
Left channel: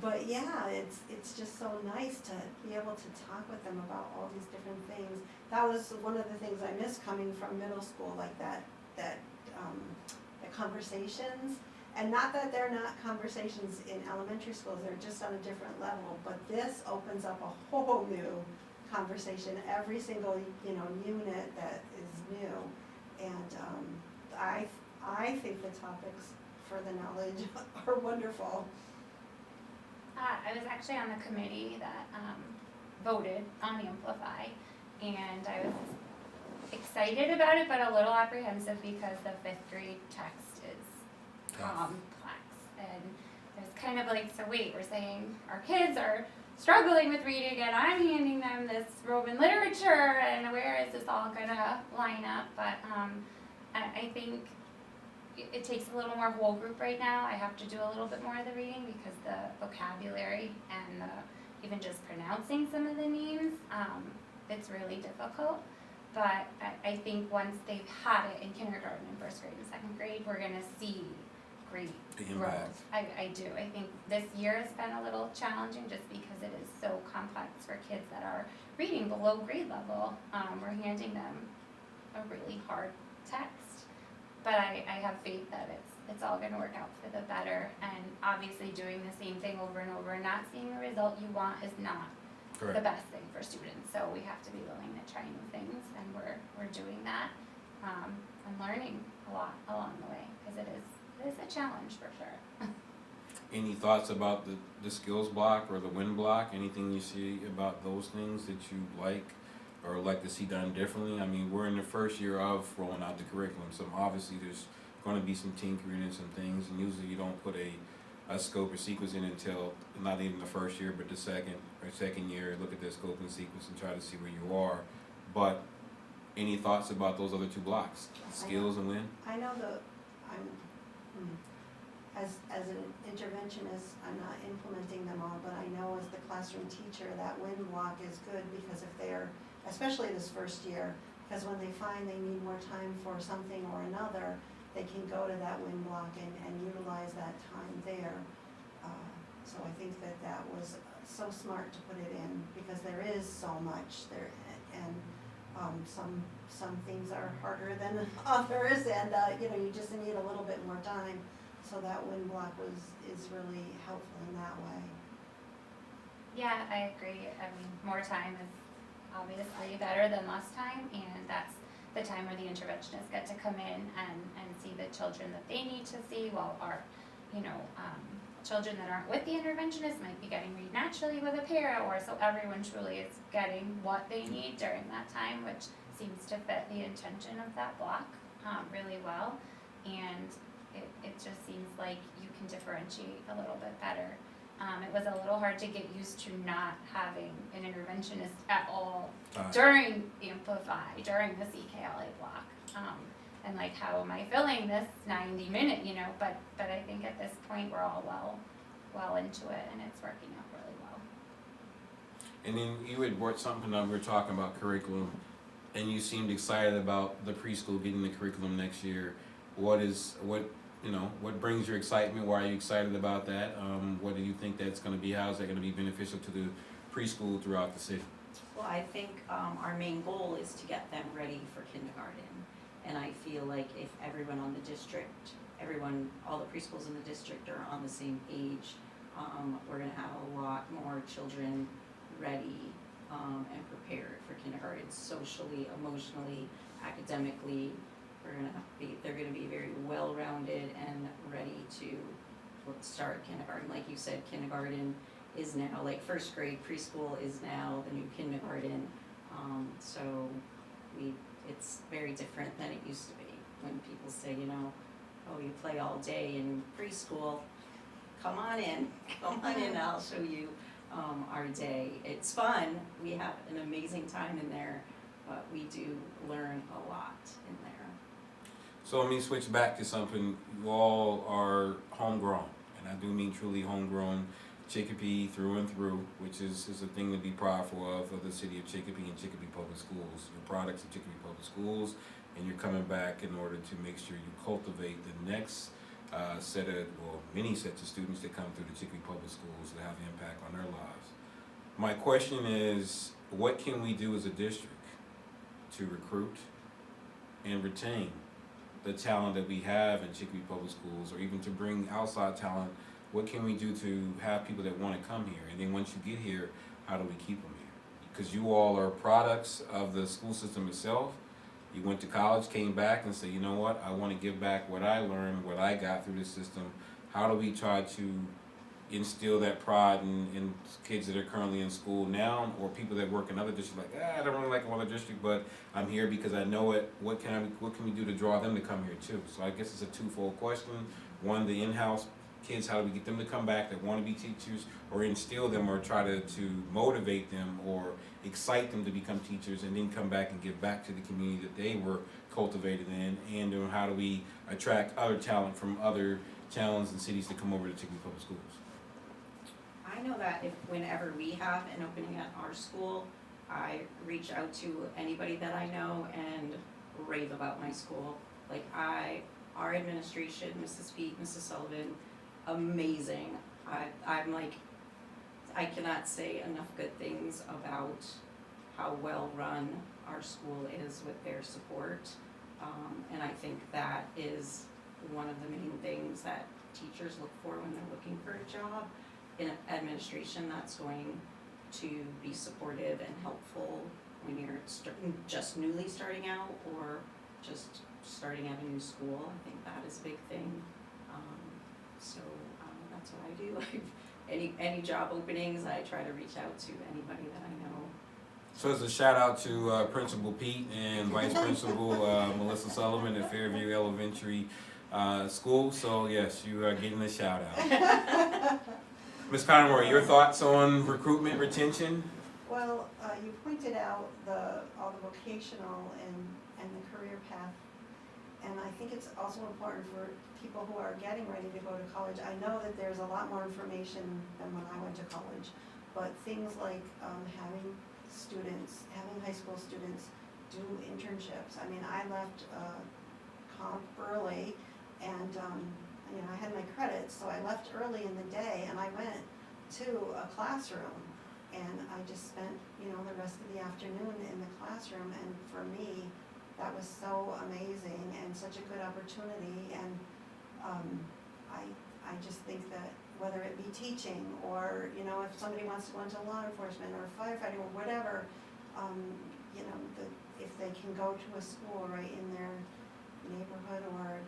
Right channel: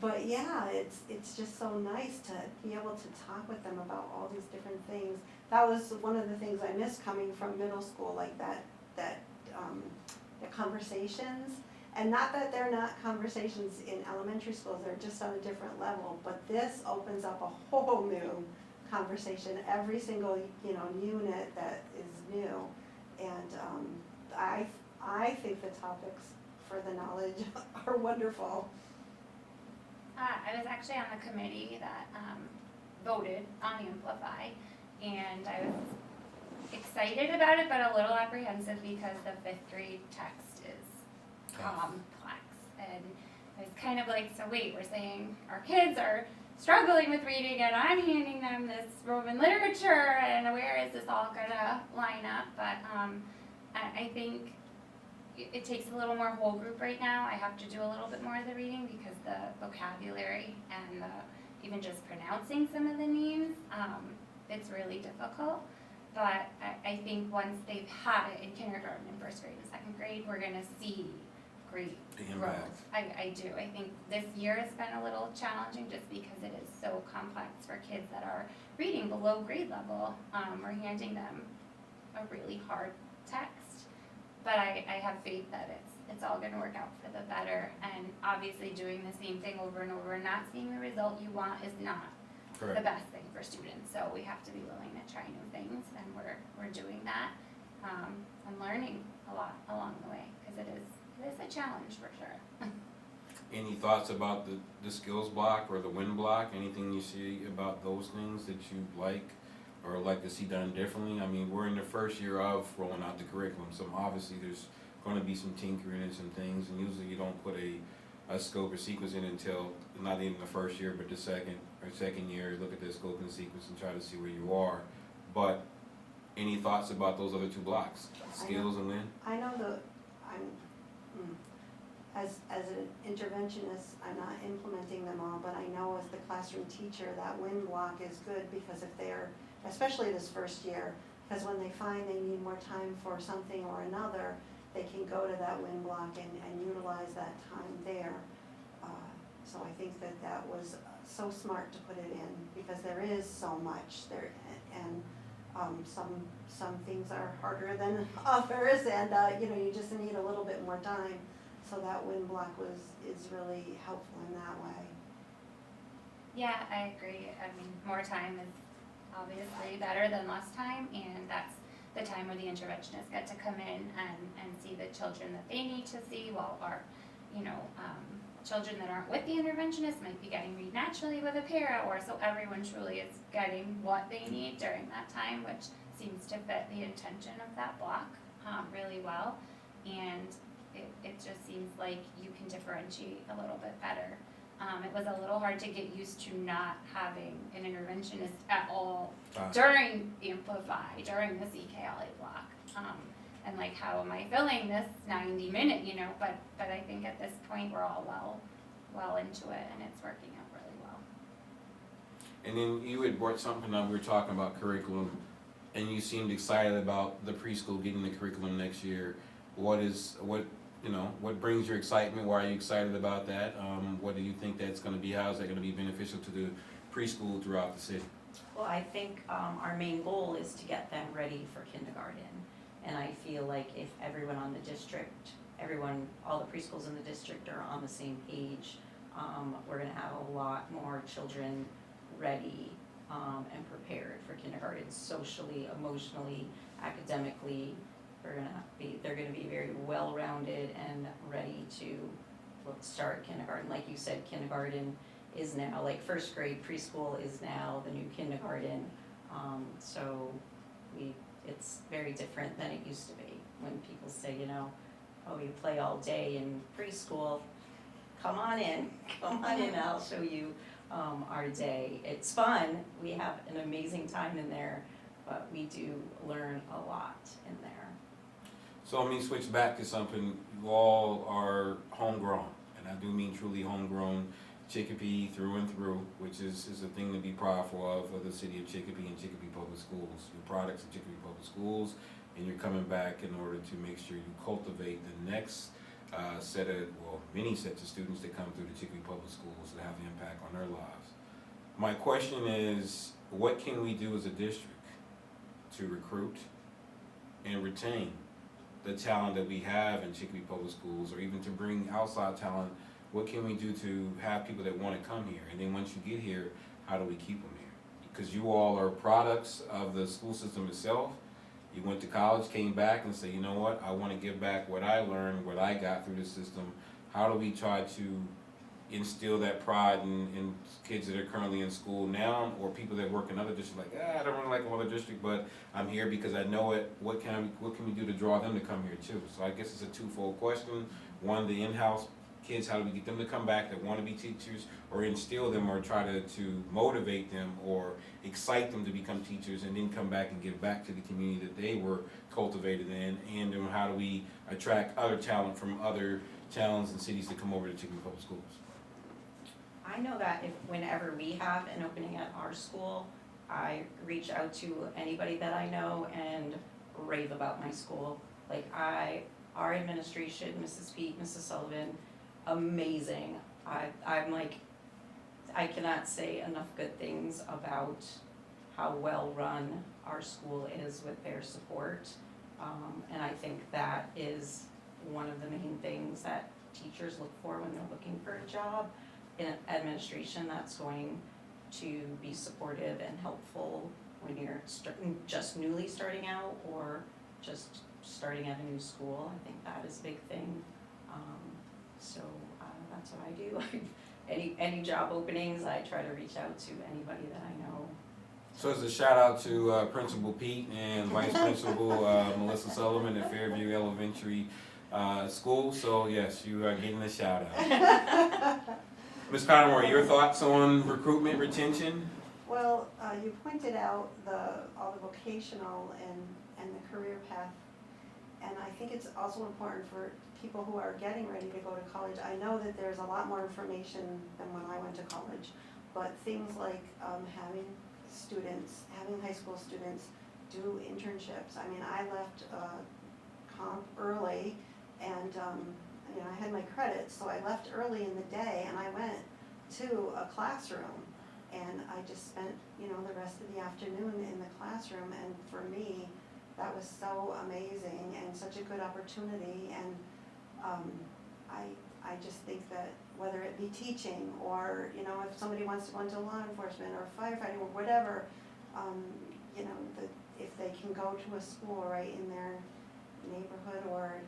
But yeah, it's just so nice to be able to talk with them about all these different things. That was one of the things I missed coming from middle school, like the conversations. And not that they're not conversations in elementary schools, they're just on a different level, but this opens up a whole new conversation, every single, unit that is new. And, I think the topics for the knowledge are wonderful. I was actually on the committee that voted on Amplify, and I was excited about it, but a little apprehensive because the fifth grade text is complex. And it's kind of like, so wait, we're saying our kids are struggling with reading, and I'm handing them this Roman literature, and where is this all gonna line up? But I think it takes a little more whole group right now. I have to do a little bit more of the reading because the vocabulary and even just pronouncing some of the names, it's really difficult. But I think once they've had it in kindergarten and first grade and second grade, we're gonna see great growth. I do. I think this year has been a little challenging just because it is so complex for kids that are reading below grade level. We're handing them a really hard text. But I have faith that it's all gonna work out for the better, and obviously doing the same thing over and over and not seeing the result you want is not the best thing for students. So we have to be willing to try new things, and we're doing that, and learning a lot along the way, because it is a challenge for sure. Any thoughts about the skills block or the win block? Anything you see about those things that you like or like to see done differently? I mean, we're in the first year of rolling out the curriculum, so obviously there's going to be some tinkering and some things, and usually you don't put a scope or sequence in until not even the first year, but the second year. Look at the scope and sequence and try to see where you are. But any thoughts about those other two blocks, skills and win? I know as an interventionist, I'm not implementing them all, but I know as the classroom teacher, that win block is good, because if they're, especially this first year, because when they find they need more time for something or another, they can go to that win block and utilize that time there. So I think that was so smart to put it in, because there is so much there, and some things are harder than others, and you just need a little bit more time. So that win block is really helpful in that way. Yeah, I agree. I mean, more time is obviously better than less time, and that's the time where the interventionists get to come in and see the children that they need to see, while our, children that aren't with the interventionist might be getting read naturally with a para, or so everyone truly is getting what they need during that time, which seems to fit the intention of that block really well. And it just seems like you can differentiate a little bit better. It was a little hard to get used to not having an interventionist at all during Amplify, during the CKLA block. And like, how am I filling this 90-minute, but I think at this point we're all well into it, and it's working out really well. And then you had brought something up, we were talking about curriculum, and you seemed excited about the preschool getting the curriculum next year. What brings your excitement? Why are you excited about that? What do you think that's going to be? How is that going to be beneficial to the preschool throughout the city? Well, I think our main goal is to get them ready for kindergarten. And I feel like if everyone on the district, all the preschools in the district are on the same page, we're gonna have a lot more children ready and prepared for kindergarten, socially, emotionally, academically. They're gonna be very well-rounded and ready to start kindergarten. Like you said, kindergarten is now, like first grade preschool is now the new kindergarten. So it's very different than it used to be, when people say, oh, you play all day in preschool. Come on in, I'll show you our day. It's fun, we have an amazing time in there, but we do learn a lot in there. So let me switch back to something. You all are homegrown, and I do mean truly homegrown, Chicopee through and through, which is a thing to be proudful of the city of Chicopee and Chicopee Public Schools. You're products of Chicopee Public Schools, and you're coming back in order to make sure you cultivate the next many sets of students that come through the Chicopee Public Schools that have an impact on their lives. My question is, what can we do as a district to recruit and retain the talent that we have in Chicopee Public Schools, or even to bring outside talent? What can we do to have people that want to come here? And then once you get here, how do we keep them here? Because you all are products of the school system itself. You went to college, came back and said, you know what, I want to give back what I learned, what I got through the system. How do we try to instill that pride in kids that are currently in school now, or people that work in other districts, like, I don't really like another district, but I'm here because I know it. What can we do to draw them to come here too? So I guess it's a twofold question. One, the in-house kids, how do we get them to come back that want to be teachers, or instill them, or try to motivate them or excite them to become teachers, and then come back and give back to the community that they were cultivated in, and how do we attract other talent from other towns and cities to come over to Chicopee Public Schools? I know that whenever we have an opening at our school, I reach out to anybody that I know and rave about my school. Like our administration, Mrs. Pete, Mrs. Sullivan, amazing. I'm like, I cannot say enough good things about how well run our school is with their support. And I think that is one of the main things that teachers look for when they're looking for a job in administration, that's going to be supportive and helpful when you're just newly starting out or just starting at a new school. I think that is a big thing. So that's what I do. Any job openings, I try to reach out to anybody that I know. So as a shout out to Principal Pete and Vice Principal Melissa Sullivan at Fairview Elementary School. So yes, you are getting a shout out. Ms. Conroy, your thoughts on recruitment, retention? Well, you pointed out all the vocational and the career path, and I think it's also important for people who are getting ready to go to college. I know that there's a lot more information than when I went to college, but things like having high school students do internships. I mean, I left comp early, and I had my credits, so I left early in the day, and I went to a classroom, and I just spent the rest of the afternoon in the classroom, and for me that was so amazing and such a good opportunity. And I just think that whether it be teaching or if somebody wants to go into law enforcement or firefighting or whatever, if they can go to a school right in their neighborhood or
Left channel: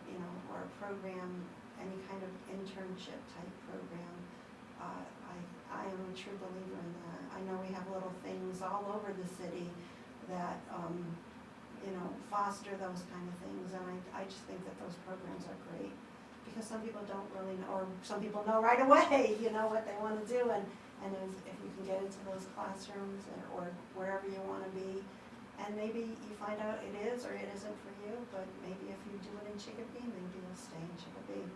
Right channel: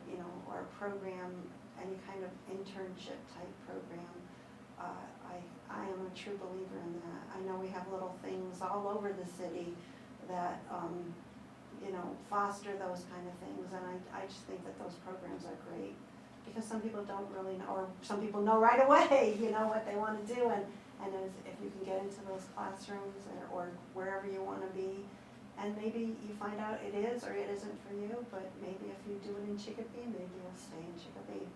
or a program, any kind of internship type program, I am a true believer in that. I know we have little things all over the city that foster those kind of things, and I just think that those programs are great, because some people don't really know, or some people know right away what they want to do, and if you can get into those classrooms or wherever you want to be, and maybe you find out it is or it isn't for you, but maybe if you do it in Chicopee, maybe you'll stay in Chicopee.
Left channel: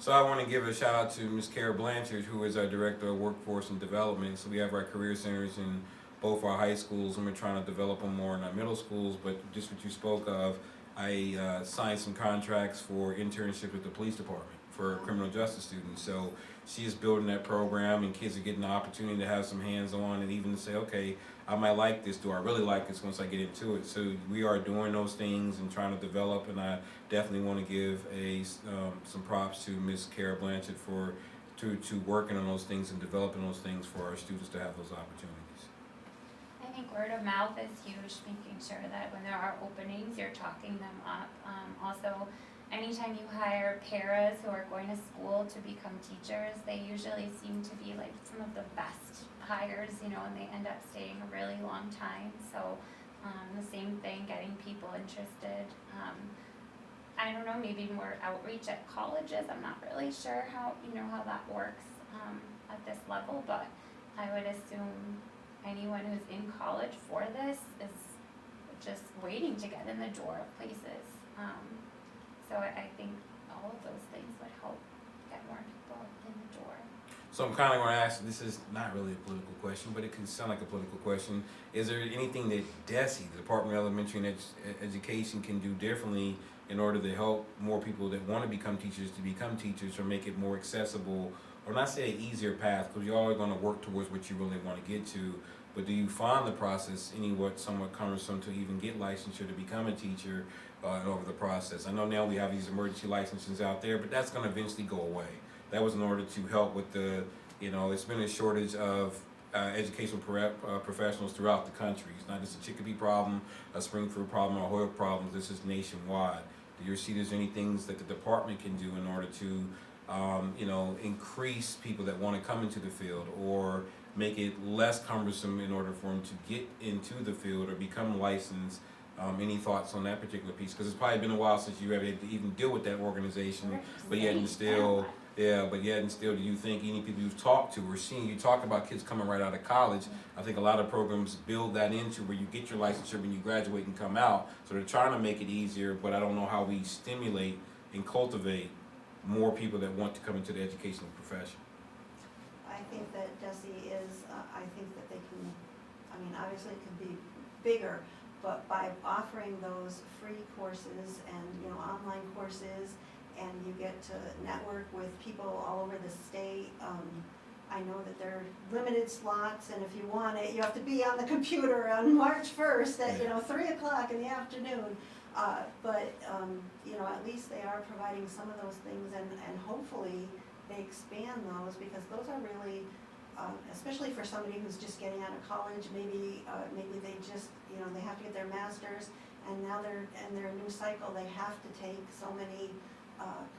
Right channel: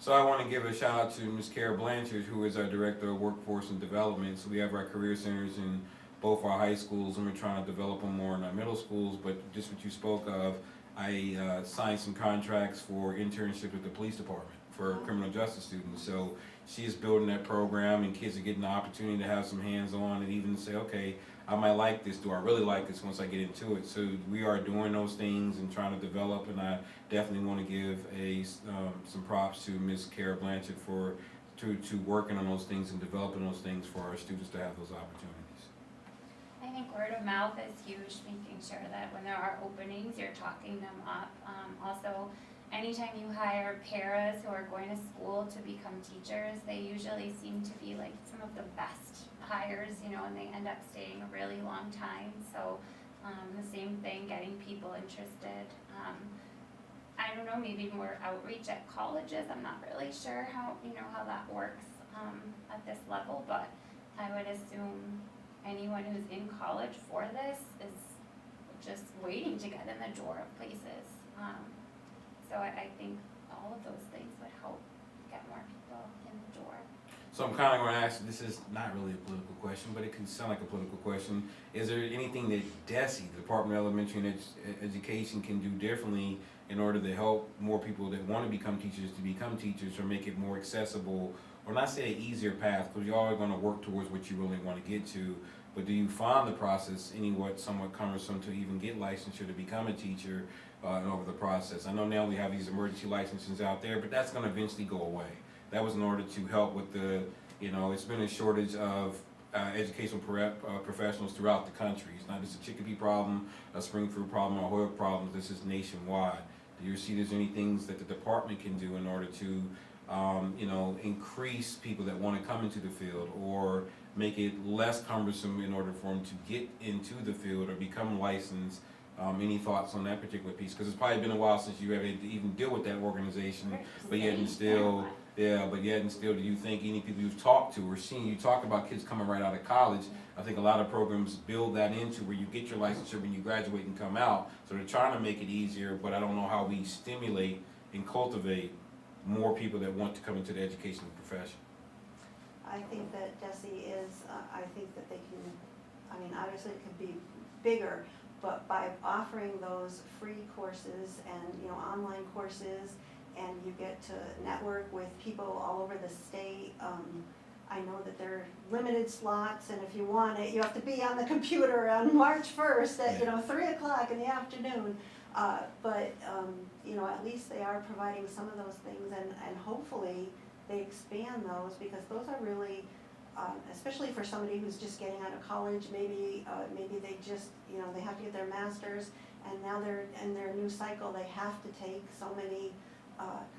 So I want to give a shout out to Ms. Kara Blanchard, who is our Director of Workforce and Development. So we have our career centers in both our high schools, and we're trying to develop them more in our middle schools. But just what you spoke of, I signed some contracts for internships with the police department for criminal justice students. So she is building that program, and kids are getting the opportunity to have some hands-on and even say, okay, I might like this. Do I really like this once I get into it? So we are doing those things and trying to develop, and I definitely want to give some props to Ms. Kara Blanchard to working on those things and developing those things for our students to have those opportunities. I think word of mouth is huge, making sure that when there are openings, you're talking them up. Also, anytime you hire paras who are going to school to become teachers, they usually seem to be like some of the best hires, and they end up staying a really long time. So the same thing, getting people interested. I don't know, maybe more outreach at colleges. I'm not really sure how that works at this level, but I would assume anyone who's in college for this is just waiting to get in the door of places. So I think all of those things would help get more people in the door. So I'm kind of going to ask, this is not really a political question, but it can sound like a political question. Is there anything that DESE, the Department of Elementary and Education, can do differently in order to help more people that want to become teachers, or make it more accessible, or not say an easier path, because you all are going to work towards what you really want to get to, but do you find the process somewhat cumbersome to even get licensure to become a teacher over the process? I know now we have these emergency licenses out there, but that's going to eventually go away. That was in order to help with the, it's been a shortage of educational professionals throughout the country. It's not just a Chicopee problem, a Springfield problem, or a Hoyle problem. This is nationwide. Do you see there's any things that the department can do in order to, increase people that want to come into the field, or make it less cumbersome in order for them to get into the field or become licensed? Any thoughts on that particular piece? Because it's probably been a while since you ever had to even deal with that organization, but yet and still, do you think any people you've talked to or seen, you talk about kids coming right out of college, I think a lot of programs build that into where you get your licensure when you graduate and come out, so they're trying to make it easier, but I don't know how we stimulate and cultivate more people that want to come into the educational profession. I think that DESE is, I think that they can, obviously it could be bigger, but by offering those free courses and, online courses, and you get to network with people all over the state. I know that there are limited slots, and if you want it, you have to be on the computer on March 1st at, 3 o'clock in the afternoon. But at least they are providing some of those things, and hopefully they expand those, because those are really, especially for somebody who's just getting out of college, maybe they just, they have to get their master's, and now they're in their new cycle, they have to take so many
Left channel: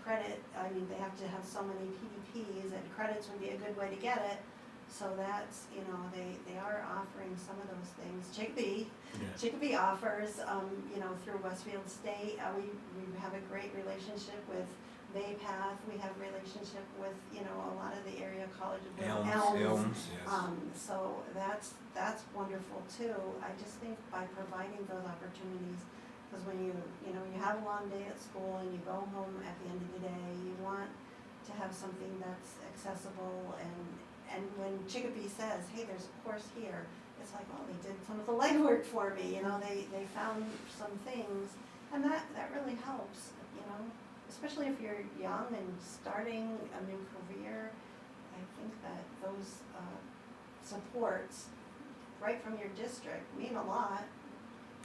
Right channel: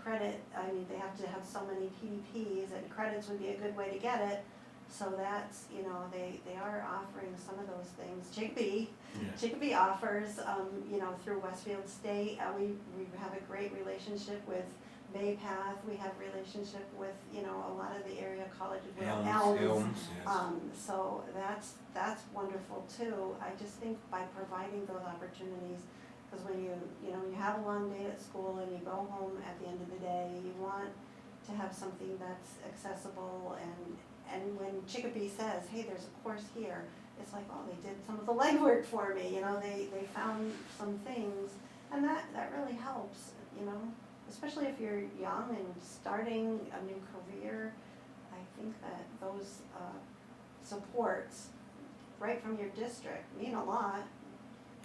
credit, they have to have so many PDPs, and credits would be a good way to get it. So that's, they are offering some of those things. Chicopee offers, through Westfield State, we have a great relationship with Baypath. We have relationship with, a lot of the area colleges, with Elms. Yes. So that's wonderful too. I just think by providing those opportunities, because when you have a long day at school and you go home at the end of the day, you want to have something that's accessible, and when Chicopee says, hey, there's a course here, it's like, oh, they did some of the legwork for me, they found some things, and that really helps, especially if you're young and starting a new career. I think that those supports right from your district mean a lot.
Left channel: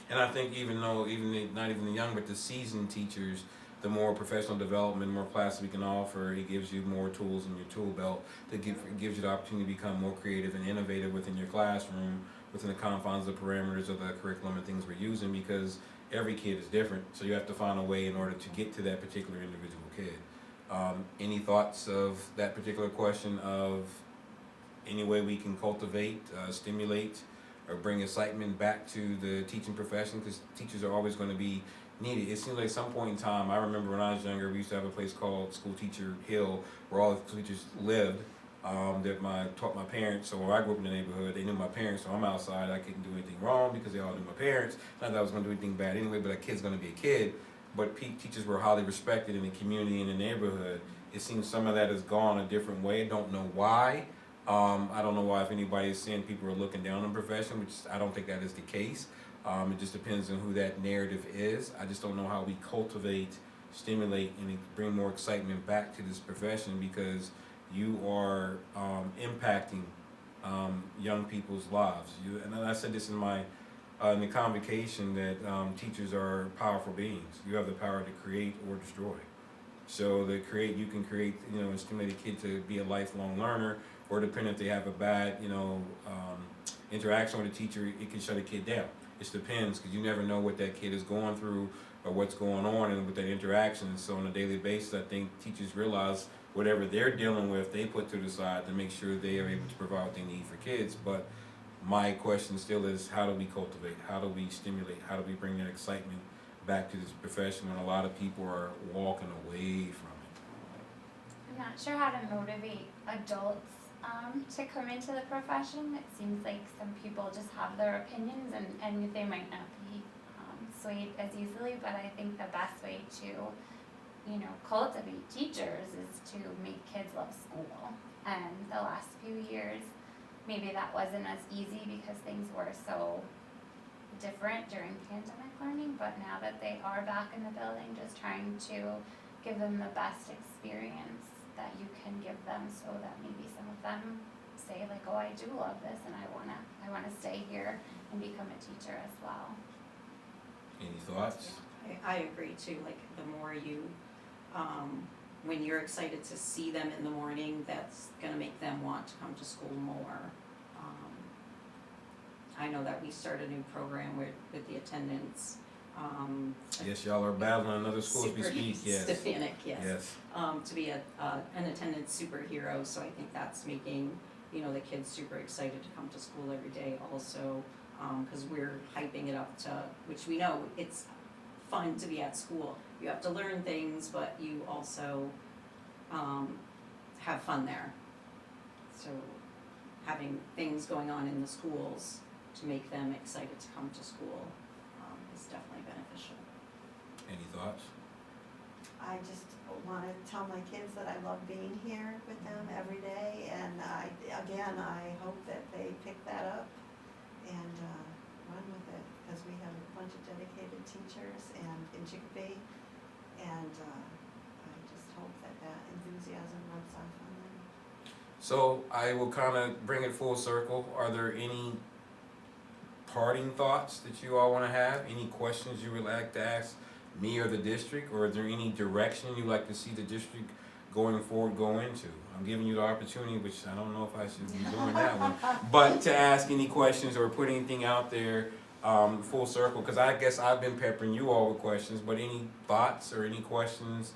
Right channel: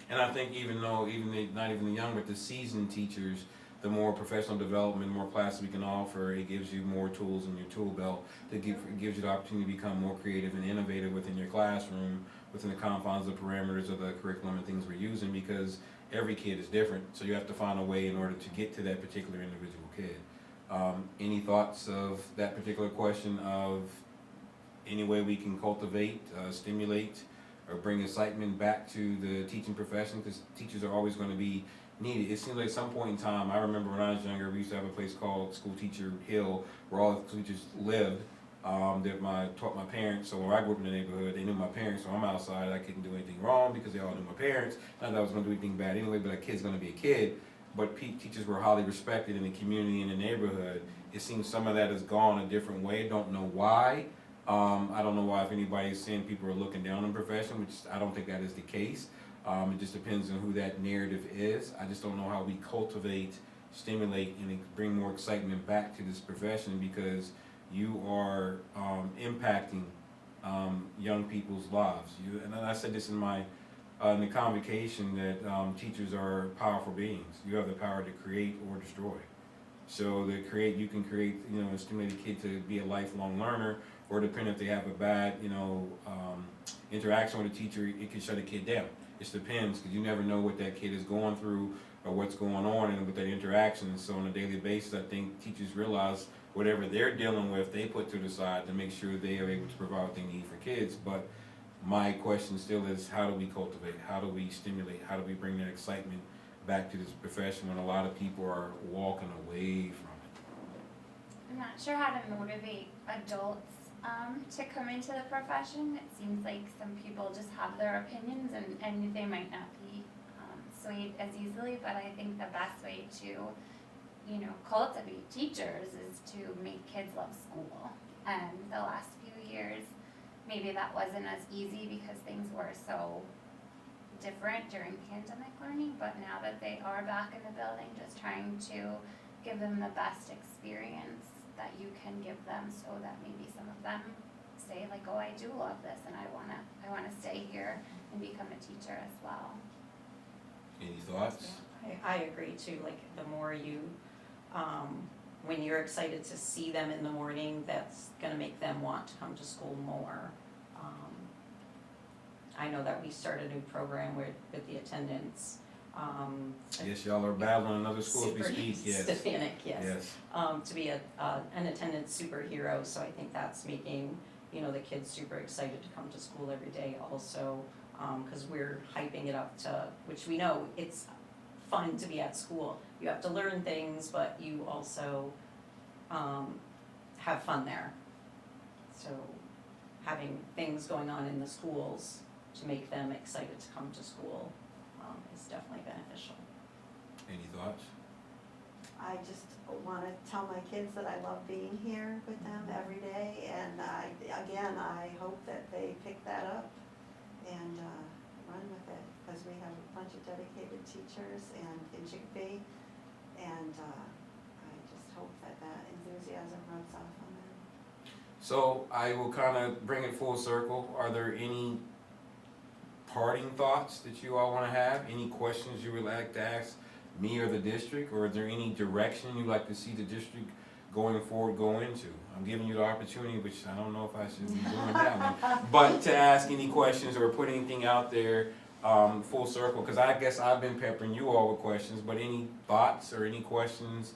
And I think not even the young, but the seasoned teachers, the more professional development, more classes we can offer, it gives you more tools in your tool belt. It gives you the opportunity to become more creative and innovative within your classroom, within the confines of the parameters of the curriculum and things we're using, because every kid is different. So you have to find a way in order to get to that particular individual kid. Any thoughts of that particular question, of any way we can cultivate, stimulate, or bring excitement back to the teaching profession, because teachers are always going to be needed. It seems like some point in time, I remember when I was younger, we used to have a place called School Teacher Hill, where all the teachers lived, that taught my parents. So when I grew up in the neighborhood, they knew my parents, so I'm outside, I couldn't do anything wrong because they all knew my parents. Not that I was going to do anything bad anyway, but a kid's going to be a kid. But teachers were highly respected in the community and the neighborhood. It seems some of that has gone a different way. I don't know why. I don't know why, if anybody is saying people are looking down on the profession, which I don't think that is the case. It just depends on who that narrative is. I just don't know how we cultivate, stimulate, and bring more excitement back to this profession, because you are impacting young people's lives. And I said this in the convocation, that teachers are powerful beings. You have the power to create or destroy. So you can create, and stimulate a kid to be a lifelong learner, or depending if they have a bad, interaction with a teacher, it can shut a kid down. It depends, because you never know what that kid is going through or what's going on and with that interaction. And so on a daily basis, I think teachers realize whatever they're dealing with, they put to the side to make sure they are able to provide what they need for kids. But my question still is, how do we cultivate? How do we stimulate? How do we bring that excitement back to this profession when a lot of people are walking away from it? I'm not sure how to motivate adults to come into the profession. It seems like some people just have their opinions, and they might not be swayed as easily, but I think the best way to, cultivate teachers is to make kids love school. And the last few years, maybe that wasn't as easy because things were so different during pandemic learning, but now that they are back in the building, just trying to give them the best experience that you can give them, so that maybe some of them say like, oh, I do love this and I wanna stay here and become a teacher as well. Any thoughts? Yeah, I agree too, like the more you, when you're excited to see them in the morning, that's gonna make them want to come to school more. I know that we started a new program with the attendance, Yes, y'all are battling another school as we speak, yes. Stefanik, yes. Yes. To be an attendance superhero, so I think that's making, the kids super excited to come to school every day also, cause we're hyping it up to, which we know it's fun to be at school. You have to learn things, but you also, have fun there. So having things going on in the schools to make them excited to come to school, is definitely beneficial. Any thoughts? I just wanna tell my kids that I love being here with them every day, and I hope that they pick that up and, run with it, cause we have a bunch of dedicated teachers and in Chicopee, and, I just hope that enthusiasm rubs off on them. So I will kind of bring it full circle. Are there any parting thoughts that you all want to have? Any questions you would like to ask me or the district? Or is there any direction you'd like to see the district going forward go into? I'm giving you the opportunity, which I don't know if I should be doing that one, but to ask any questions or put anything out there full circle, because I guess I've been peppering you all with questions, but any thoughts or any questions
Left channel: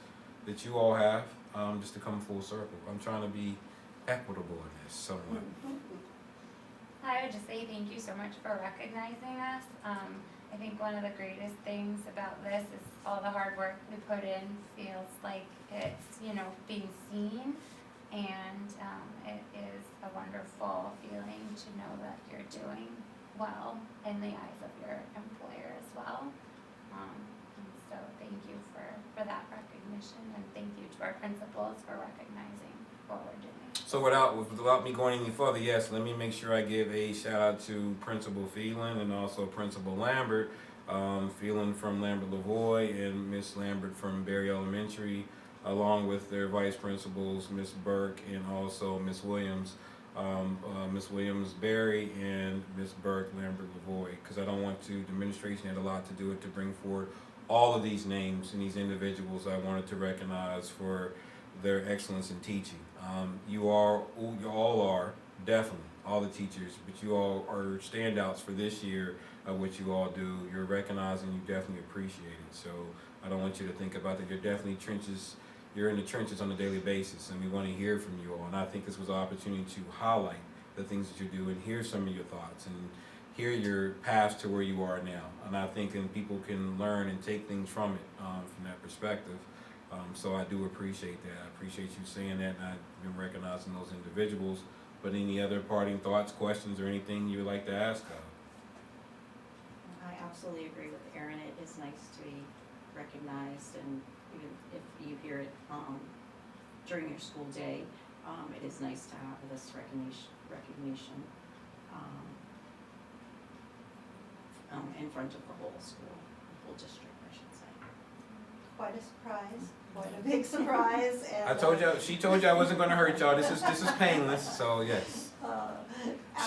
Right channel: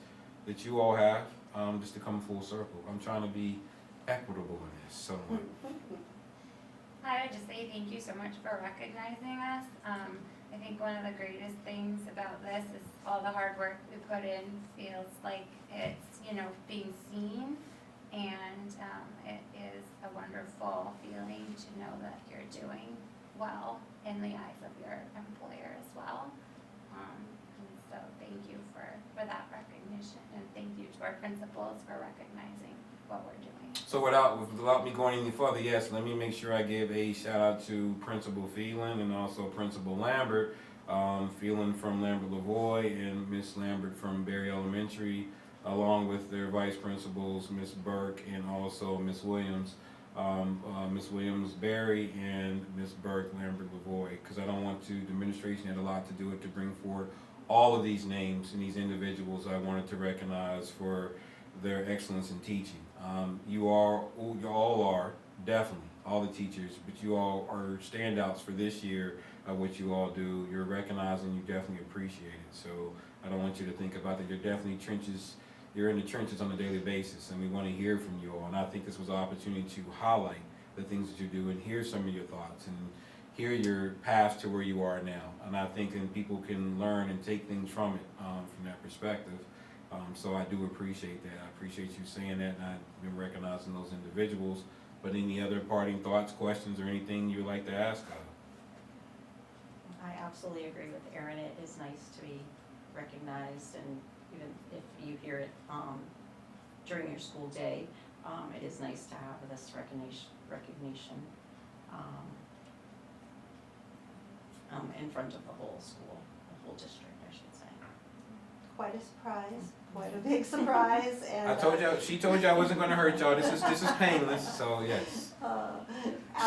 that you all have, just to come full circle? I'm trying to be equitable in this somewhat. I would just say thank you so much for recognizing us. I think one of the greatest things about this is all the hard work we put in feels like it's, being seen, and it is a wonderful feeling to know that you're doing well in the eyes of your employer as well. And so thank you for that recognition, and thank you to our principals for recognizing what we're doing. So without me going any further, yes, let me make sure I give a shout out to Principal Phelan and also Principal Lambert. Phelan from Lambert Lavoie and Miss Lambert from Berry Elementary, along with their vice principals, Miss Burke and also Miss Williams. Miss Williams Berry and Miss Burke Lambert Lavoie, because I don't want to, the administration had a lot to do it to bring forward all of these names and these individuals I wanted to recognize for their excellence in teaching. You all are, definitely, all the teachers, but you all are standouts for this year of what you all do. You're recognizing, you definitely appreciate it. So I don't want you to think about that. You're in the trenches on a daily basis, and we want to hear from you all. And I think this was an opportunity to highlight the things that you do and hear some of your thoughts and hear your path to where you are now. And I think people can learn and take things from it, from that perspective. So I do appreciate that. I appreciate you saying that, and I've been recognizing those individuals. But any other parting thoughts, questions, or anything you would like to ask? I absolutely agree with Erin. It is nice to be recognized, and even if you hear it during your school day, it is nice to have this recognition in front of the whole school, the whole district, I should say. Quite a surprise, quite a big surprise, and. I told you, she told you I wasn't going to hurt y'all. This is painless, so yes.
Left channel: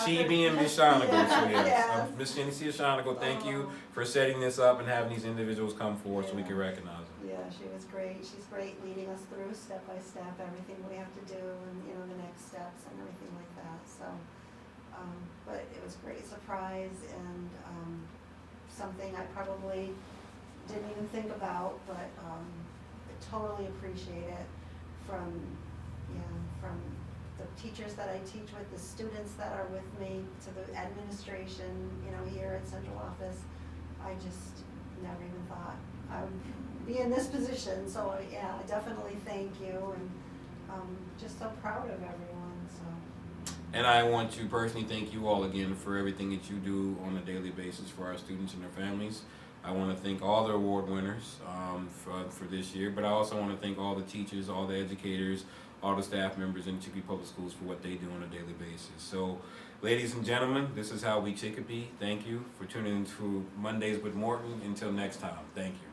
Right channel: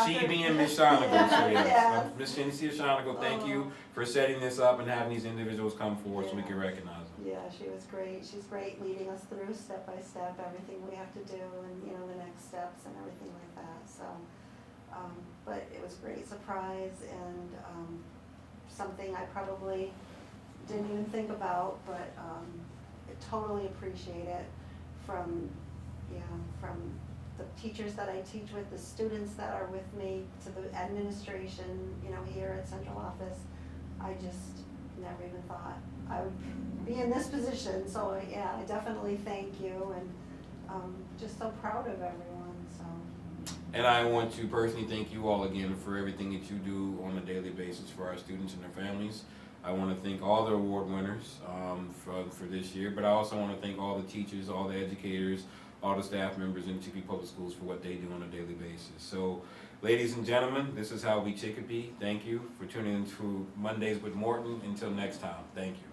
She after- being Miss Shonigal, so yes. Yes. Miss Genesea Shonigal, thank you for setting this up and having these individuals come forward so we can recognize them. Yeah, she was great. She's great leading us through step by step, everything we have to do and, the next steps and everything like that, so. But it was a great surprise and, something I probably didn't even think about, but, I totally appreciate it from the teachers that I teach with, the students that are with me, to the administration, here at central office. I just never even thought I would be in this position, so I definitely thank you, and just so proud of everyone, so. And I want to personally thank you all again for everything that you do on a daily basis for our students and their families. I want to thank all the award winners for this year, but I also want to thank all the teachers, all the educators, all the staff members in Chicopee Public Schools for what they do on a daily basis. So, ladies and gentlemen, this is how we Chicopee. Thank you for tuning in to Mondays with Morton. Until next time, thank you.